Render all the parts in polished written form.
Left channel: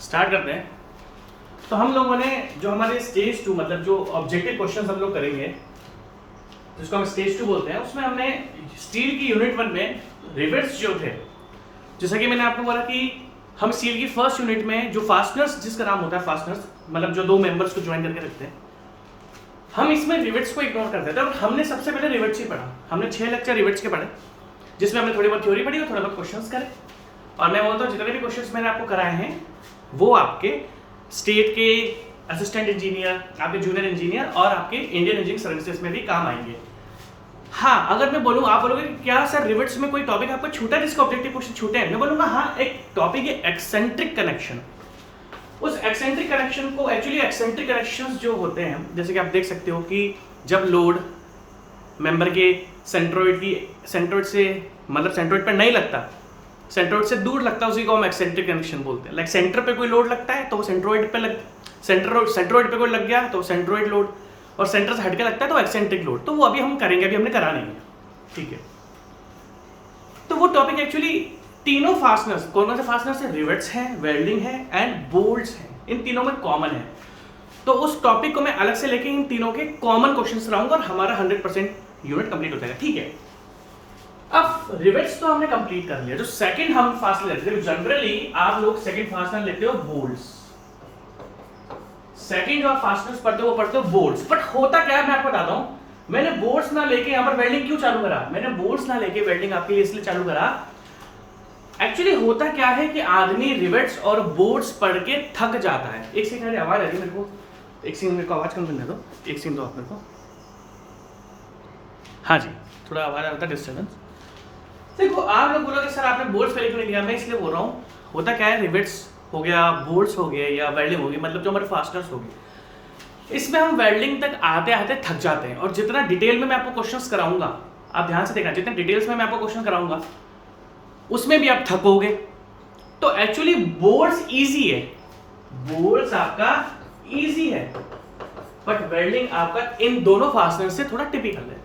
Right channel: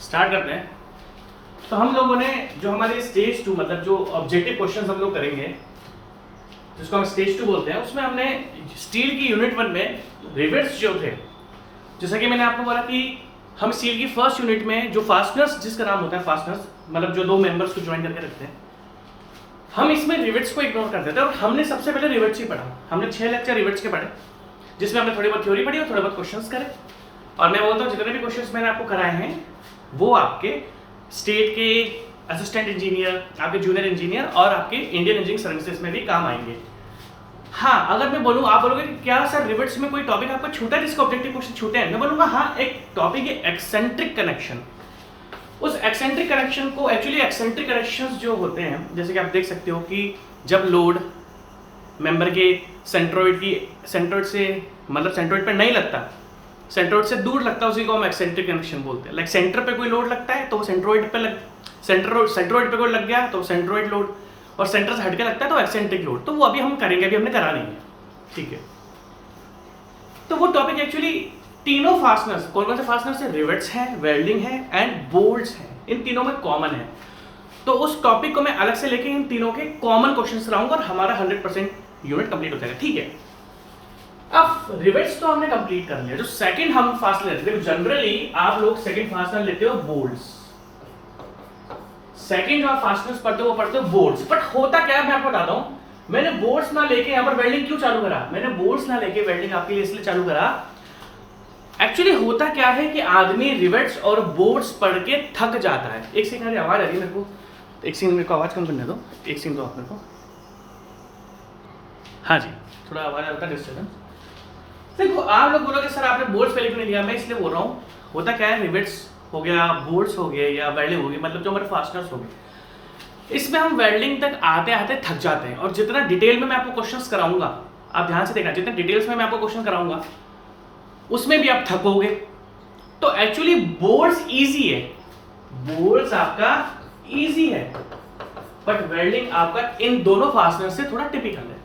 Start करते हैं। तो हम लोगों ने जो हमारे स्टेज 2 मतलब जो ऑब्जेक्टिव क्वेश्चंस हम लोग करेंगे जिसको हम स्टेज 2 बोलते हैं, उसमें हमने स्टील की यूनिट 1 में रिवेट्स जो थे, जैसा कि मैंने आपको बोला कि हम स्टील की फर्स्ट यूनिट में जो फास्टनर्स, जिसका नाम होता है फास्टनर्स, मतलब जो दो मेंबर्स को ज्वाइन करके रखते हैं, हम इसमें रिवेट्स को इग्नोर कर देते हैं। और हमने सबसे पहले रिवेट्स ही पढ़ा। हमने 6 लेक्चर रिवेट्स के पढ़े, जिसमें हमने थोड़ी बहुत थ्योरी पढ़ी और थोड़े बहुत क्वेश्चंस करे। और मैं बोलता हूँ जितने भी क्वेश्चंस मैंने आपको कराए हैं वो आपके स्टेट के असिस्टेंट इंजीनियर, आपके जूनियर इंजीनियर और आपके इंडियन इंजीनियरिंग सर्विसेज में भी काम आएंगे। हाँ, अगर मैं बोलूँ, आप बोलोगे क्या सर रिवेट्स में कोई टॉपिक आपको छूटा है जिसको ऑब्जेक्टिव क्वेश्चन छूटे हैं? मैं बोलूँगा हाँ, एक टॉपिक है एक्सेंट्रिक कनेक्शन। उस एक्सेंट्रिक कनेक्शन को, एक्चुअली एक्सेंट्रिक कनेक्शंस जो होते हैं, जैसे कि आप देख सकते हो कि जब लोड मेंबर के सेंट्रोइड से मतलब सेंट्रोइड पर नहीं लगता, सेंट्रोइड से दूर लगता है, उसी को हम एक्सेंट्रिक कनेक्शन बोलते हैं। लाइक सेंटर पे कोई लोड लगता है तो वो सेंट्रोइड पे कोई लग गया तो सेंट्रोइड लोड, और सेंटर से हटके लगता है तो एक्सेंट्रिक लोड। तो वो अभी हम करेंगे, अभी हमने करा नहीं है, ठीक है। तो वो टॉपिक एक्चुअली तीनों फास्टनर्स, कौन से फास्टनर्स है? रिवेट्स हैं, वेल्डिंग है एंड बोल्ट्स हैं, इन तीनों में कॉमन है। तो उस टॉपिक को मैं अलग से लेके इन तीनों के कॉमन क्वेश्चंस कराऊंगा और हमारा 100% यूनिट कंप्लीट हो जाएगा, ठीक है। अब रिवेट्स तो हमने कंप्लीट कर लिया। जो सेकंड हम फास्टनर लेते हैं, जनरली आप लोग सेकंड फास्टनर लेते हो बोल्ट्स। सेकंड जो आप फास्टनर्स पढ़ते हो वो पढ़ते हो बोल्ट्स। बट होता क्या है मैं आपको बताता हूं। मैंने बोल्ट्स ना लेके यहाँ पर वेल्डिंग क्यों चालू करा? मैंने बोल्ट्स ना लेके वेल्डिंग आपके लिए इसलिए चालू करा, एक्चुअली होता क्या है कि आदमी रिवेट्स और बोल्ट्स पढ़ के थक जाता है। एक सेकंड, मेरी आवाज आ रही है मेरे को, एक सेकंड मेरे को आवाज कम करने दो, एक सेकंड दो आप मेरे को। हाँ जी, थोड़ा आवाज आता है, डिस्टर्बेंस। देखो, आप लोग बोलोगे सर आपने बोल्ट्स पहले क्यों नहीं लिया? मैं इसलिए बोल रहा हूँ, होता क्या है, रिवेट्स हो गया, बोल्ट्स हो गए या वेल्डिंग होगी, मतलब जो हमारे फास्टनर्स हो गए, इसमें हम वेल्डिंग तक आते आते थक जाते हैं। और जितना डिटेल में मैं आपको क्वेश्चंस कराऊंगा, आप ध्यान से देखना, जितने डिटेल्स में मैं आपको क्वेश्चन कराऊंगा उसमें भी आप थकोगे। तो एक्चुअली बोल्ट्स इजी है, बोल्ट्स आपका इजी है, बट वेल्डिंग आपका इन दोनों फास्टनर से थोड़ा टिपिकल है।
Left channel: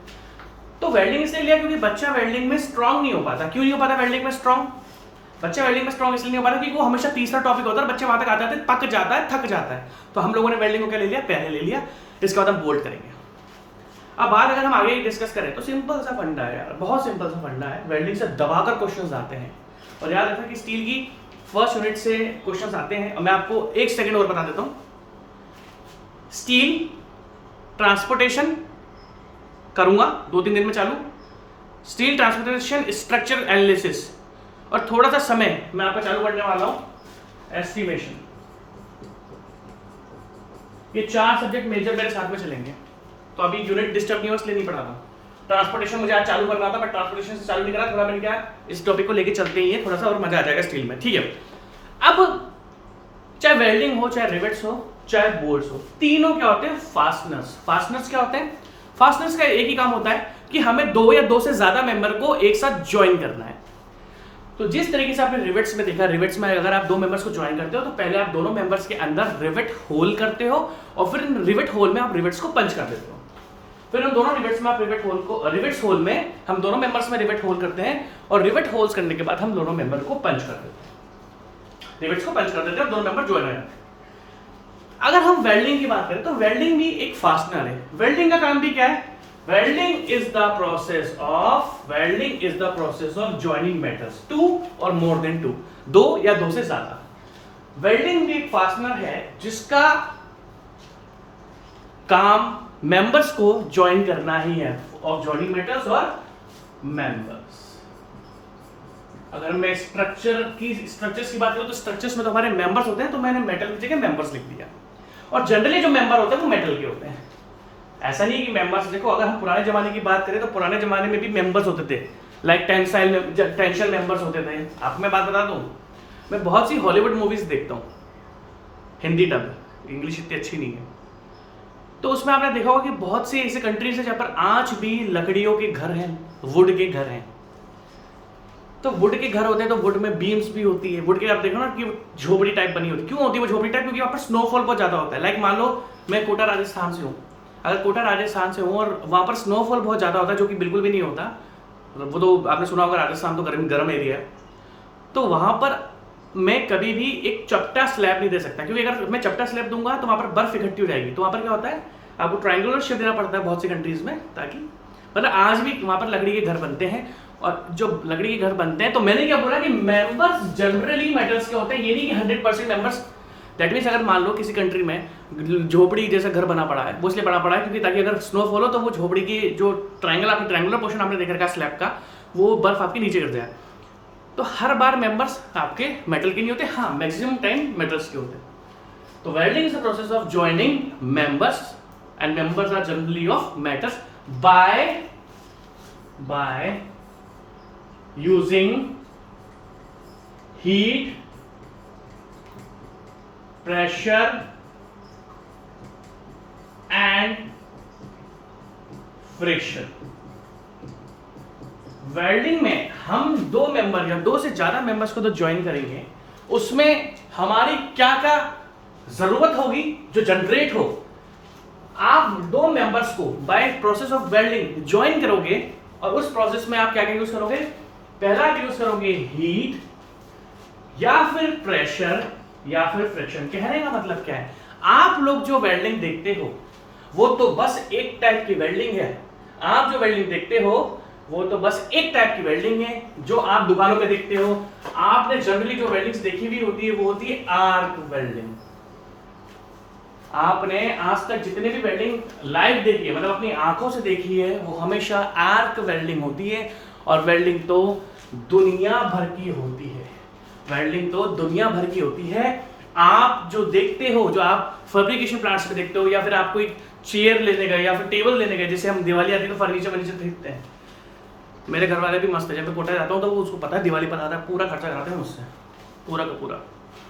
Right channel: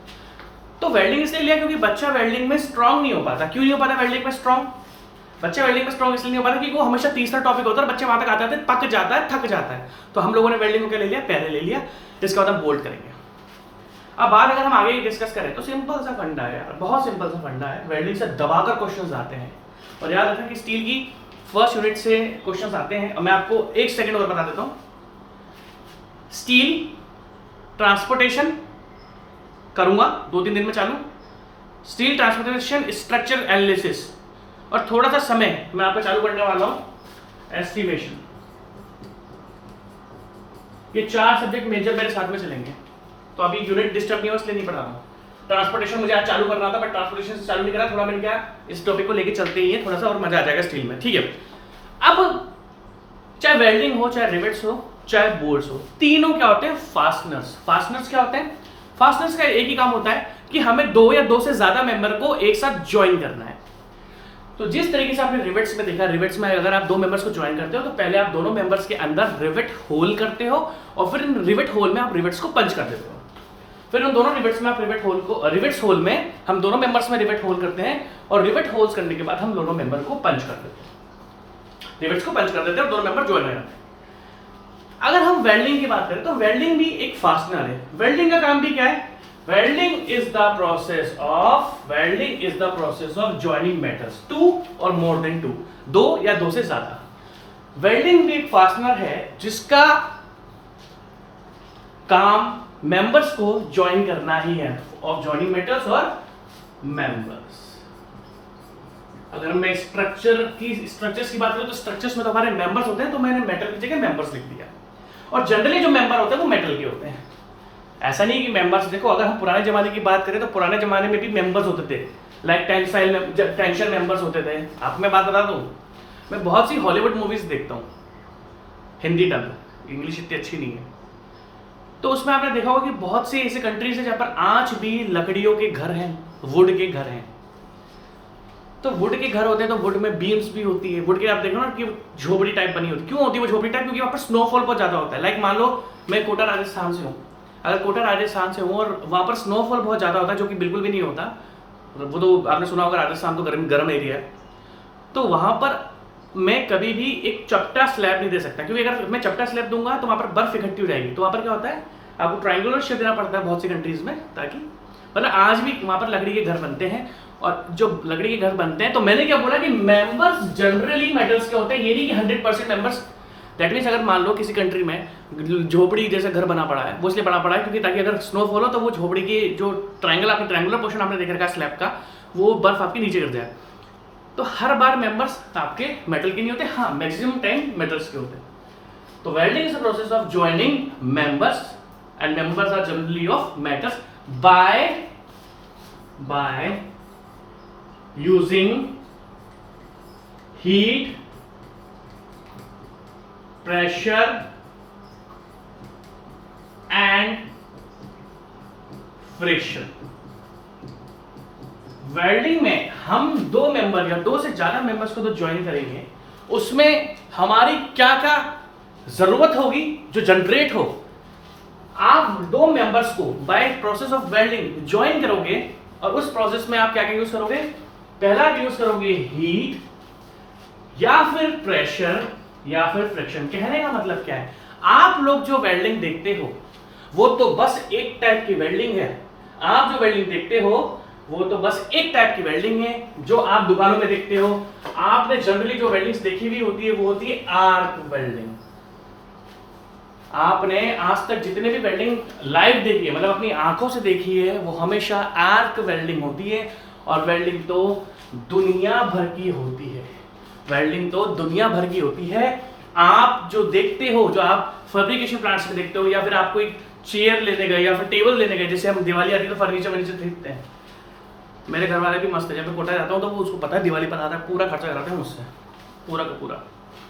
तो वेल्डिंग इसलिए लिया क्योंकि बच्चा वेल्डिंग में स्ट्रांग नहीं हो पाता। क्यों नहीं हो पाता वेल्डिंग में स्ट्रांग? बच्चा वेल्डिंग में स्ट्रांग इसलिए नहीं हो पाता क्योंकि वो हमेशा तीसरा टॉपिक होता है और बच्चे वहां तक आते आते पक जाता है, थक जाता है। तो हम लोगों ने वेल्डिंग को क्या ले लिया? पहले ले लिया, इसके बाद हम बोल्ट करेंगे। अब बात अगर हम आगे डिस्कस करें तो सिंपल सा फंडा है यार, बहुत सिंपल सा फंडा है। वेल्डिंग से दबाकर क्वेश्चंस आते हैं, और याद रखना कि स्टील की फर्स्ट यूनिट से क्वेश्चंस आते हैं। और मैं आपको एक सेकंड और बता देता हूं, स्टील ट्रांसपोर्टेशन करूंगा 2-3 दिन में चालू, स्टील ट्रांसपोर्टेशन स्ट्रक्चर एनालिसिस, और थोड़ा सा समय मैं आपका चालू करने वाला हूं एस्टिमेशन। ये 4 सब्जेक्ट मेजर मेरे साथ में चलेंगे। तो अभी यूनिट डिस्टर्ब नहीं हो इसलिए नहीं पढ़ा रहा हूं। ट्रांसपोर्टेशन मुझे आज चालू करना था, बट ट्रांसपोर्टेशन से चालू नहीं करा, थोड़ा मैंने क्या इस टॉपिक को लेके चलते ही है, थोड़ा सा और मजा आ जाएगा स्टील में, ठीक है। अब चाहे वेल्डिंग हो, चाहे रिवेट्स हो, चाहे बोल्ट्स हो, तीनों क्या होते हैं? फास्टनर्स। फास्टनर्स क्या होते हैं? फास्टनर्स का एक ही काम होता है कि हमें 2 या 2 से ज्यादा मेंबर को एक साथ ज्वाइन करना है। तो जिस तरीके से आपने रिवेट्स में देखा, रिवेट्स में अगर आप 2 मेंबर्स को ज्वाइन करते हो तो पहले आप दोनों मेंबर्स के अंदर रिवेट होल करते हो, और फिर इन रिवेट होल में आप रिवेट्स को पंच कर देते हो। फिर उन दोनों रिवेट्स में आप रिवेट्स होल में हम दोनों मेंबर्स में रिवेट होल करते हैं, और रिवेट होल्स करने के बाद हम दोनों मेंबर को पंच कर देते हैं, रिवेट्स को पंच कर देते हैं और दोनों मेंबर ज्वाइन हो जाते हैं। अगर हम वेल्डिंग की बात करें तो वेल्डिंग भी एक फास्टनर है। वेल्डिंग का काम भी क्या है? Welding is the process of joining metals, 2 और मोर देन 2, 2 या 2 से ज्यादा। वेल्डिंग भी एक फास्टनर है जिसका काम मेंबर्स को ज्वाइन करना ही है, ऑफ ज्वाइनिंग मेटल्स और मेंबर्स। अगर मैं स्ट्रक्चर्स की बात करूं तो स्ट्रक्चर्स में तो हमारे मेंबर्स होते हैं, तो मैंने मेटल की जगह मेंबर्स लिख दिया। और जनरली जो मेंबर होते हैं वो मेटल के होते हैं। ऐसा नहीं कि मेंबर्स, देखो अगर हम पुराने जमाने की बात करें तो पुराने जमाने में भी मेंबर्स होते थे, लाइक टेंशन मेंबर्स होते थे। आपको मैं बात बता दूं, मैं बहुत सी हॉलीवुड मूवीज देखता हूँ, हिंदी डब, इंग्लिश इतनी अच्छी नहीं है, तो उसमें आपने देखा होगा कि बहुत सी ऐसी कंट्रीज है जहाँ पर आज भी लकड़ियों के घर हैं, वुड के घर हैं। तो वुड के घर होते हैं तो वुड में बीम्स भी होती है। वुड के आप देखो ना कि झोपड़ी टाइप बनी होती है। क्यों होती है वो झोपड़ी टाइप? क्योंकि वहाँ पर स्नोफॉल बहुत ज्यादा होता है। लाइक मान लो मैं कोटा राजस्थान से हूँ, अगर कोटा राजस्थान से हूँ और वहाँ पर स्नोफॉल बहुत ज्यादा होता है, जो कि बिल्कुल भी नहीं होता, वो तो आपने सुना होगा राजस्थान तो गर्म एरिया है, तो वहाँ पर मैं कभी भी एक चपटा स्लैब नहीं दे सकता, क्योंकि अगर मैं चपटा स्लैब दूंगा तो वहां पर बर्फ इकट्ठी हो जाएगी, तो वहां पर क्या होता है आपको ट्रायंगुलर शेप देना पड़ता है बहुत सी कंट्रीज में, ताकि मतलब आज भी वहां पर लकड़ी के घर बनते हैं। और जो लकड़ी के घर बनते हैं, तो मैंने क्या बोला कि मेंबर्स जनरली मेटल्स के होते हैं, ये नहीं कि 100% मेंबर्स। दैट मीन्स अगर मान लो किसी कंट्री में झोपड़ी जैसा घर बना पड़ा है, वो इसलिए बना पड़ा है क्योंकि ताकि अगर स्नोफॉल हो तो वो झोपड़ी की जो ट्रायंगुलर पोर्शन आपने देख रखा है स्लैब का, वो बर्फ आपकी नीचे गिर जाए। तो हर बार मेंबर्स आपके मेटल के नहीं होते, हाँ मैक्सिमम टाइम मेटल्स के होते हैं। तो welding is a process of joining members and members are generally of metals by using heat, pressure and friction. Welding में हम दो मेंबर या दो से ज्यादा मेंबर्स को तो ज्वाइन करेंगे, उसमें हमारी क्या क्या जरूरत होगी जो जनरेट हो। आप दो मेंबर्स को by process of welding join करोगे और उस प्रोसेस में आप क्या क्या यूज करोगे, पहला आप यूज करोगे हीट या फिर प्रेशर या फिर फ्रिक्शन। कहने का मतलब क्या है, आप लोग जो वेल्डिंग देखते हो वो तो बस एक टाइप की वेल्डिंग है। आप जो वेल्डिंग देखते हो वो तो बस एक टाइप की वेल्डिंग है जो आप दुकानों में देखते हो। आपने जनरली जो वेल्डिंग्स देखी हुई होती है वो होती है आर्क वेल्डिंग। आपने आज तक जितने भी वेल्डिंग लाइव देखी है, मतलब अपनी आंखों से देखी है, वो हमेशा आर्क वेल्डिंग होती है। और वेल्डिंग तो दुनिया भर की होती है, वेल्डिंग तो दुनिया भर की होती है। आप जो देखते हो, जो आप फैब्रिकेशन प्लांट्स में देखते हो, या फिर आप कोई चेयर लेने गए या फिर टेबल लेने गए, जैसे हम दिवाली आती है तो फर्नीचर खरीदते हैं। मेरे घर वाले भी मस्त है, जब मैं कोटा जाता हूँ तो वो उसको पता है दिवाली पर आता है, पूरा खर्चा कराते हैं मुझसे, पूरा का पूरा,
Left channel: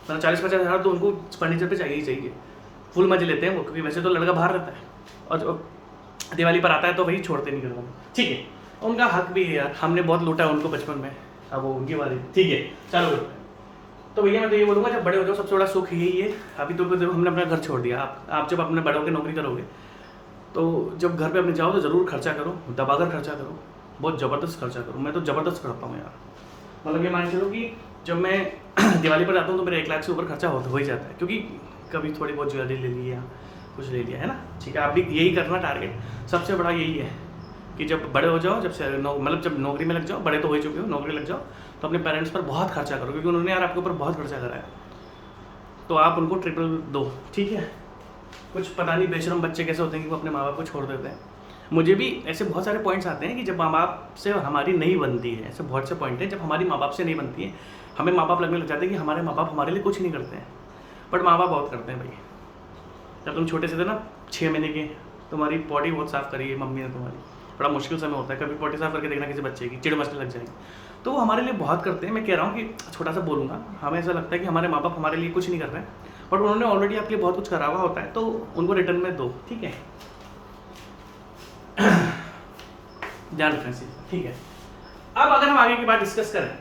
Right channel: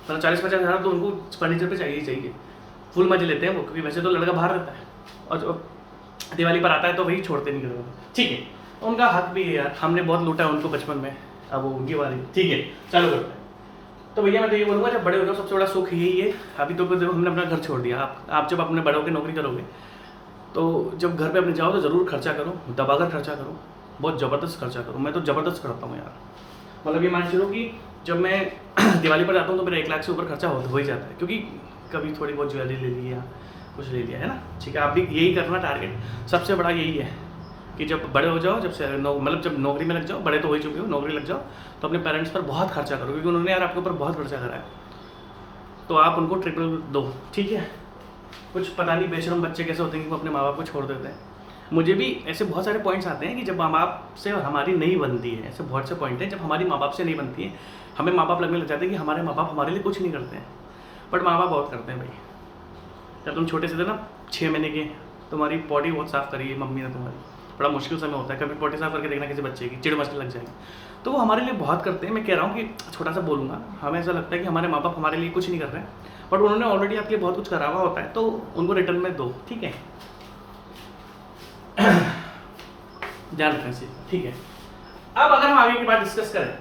मतलब 40-50 हज़ार तो उनको फर्नीचर पे चाहिए ही चाहिए। फुल मजे लेते हैं वो, क्योंकि वैसे तो लड़का बाहर रहता है और जो दिवाली पर आता है तो वही छोड़ते नहीं घर वाले। ठीक है, उनका हक भी है यार, हमने बहुत लूटा है उनको बचपन में, अब वो उनकी बारी। ठीक है, चालू करते हैं। तो भैया मैं तो ये बोलूँगा, जब बड़े हो जाओ सबसे बड़ा सुख यही है। अभी तो हमने अपना घर छोड़ दिया, आप जब अपने बड़े होकर नौकरी करोगे तो जब घर पे अपने जाओ तो ज़रूर खर्चा करो, दबाकर खर्चा करो, बहुत ज़बरदस्त खर्चा करो। मैं तो ज़बरदस्त करता हूँ यार, मतलब ये मान चलो कि जब मैं दिवाली पर जाता हूँ तो मेरा 1 लाख से ऊपर खर्चा हो ही जाता है, क्योंकि कभी थोड़ी बहुत ज्वेलरी ले लिया, कुछ ले लिया, है ना। ठीक है, आप भी यही करना, टारगेट सबसे बड़ा यही है कि जब बड़े हो जाओ, मतलब जब नौकरी में लग जाओ, बड़े तो हो ही चुके हो, नौकरी लग जाओ तो अपने पेरेंट्स पर बहुत खर्चा करो, क्योंकि उन्होंने यार आपके ऊपर बहुत खर्चा करा है, तो आप उनको ट्रिपल दो। ठीक है, कुछ पता नहीं बेशरम बच्चे कैसे होते हैं कि वो अपने माँ बाप को छोड़ देते हैं। मुझे भी ऐसे बहुत सारे पॉइंट्स आते हैं कि जब माँ बाप से हमारी नहीं बनती है, ऐसे बहुत से पॉइंट हैं जब हमारी माँ बाप से नहीं बनती है, हमें माँ बाप लगने लग जाते हैं कि हमारे माँ बाप हमारे लिए कुछ नहीं करते हैं, बट माँ बाप बहुत करते हैं भाई। जब तुम छोटे से थे ना, 6 महीने के, तुम्हारी पॉटी बहुत साफ़ करी है मम्मी ने तुम्हारी, बड़ा मुश्किल समय होता है, कभी पॉटी साफ़ करके देखना किसी बच्चे की, चिड़ मचने लग जाएगी, तो वो हमारे लिए बहुत करते हैं। मैं कह रहा हूँ कि छोटा सा बोलूँगा, हमें ऐसा लगता है कि हमारे माँ बाप हमारे लिए कुछ नहीं कर रहे हैं, बट उन्होंने ऑलरेडी आपके बहुत कुछ करा हुआ होता है, तो उनको रिटर्न में दो। ठीक है, ध्यान रखना चाहिए। ठीक है, अब अगर हम आगे की बात डिस्कस करें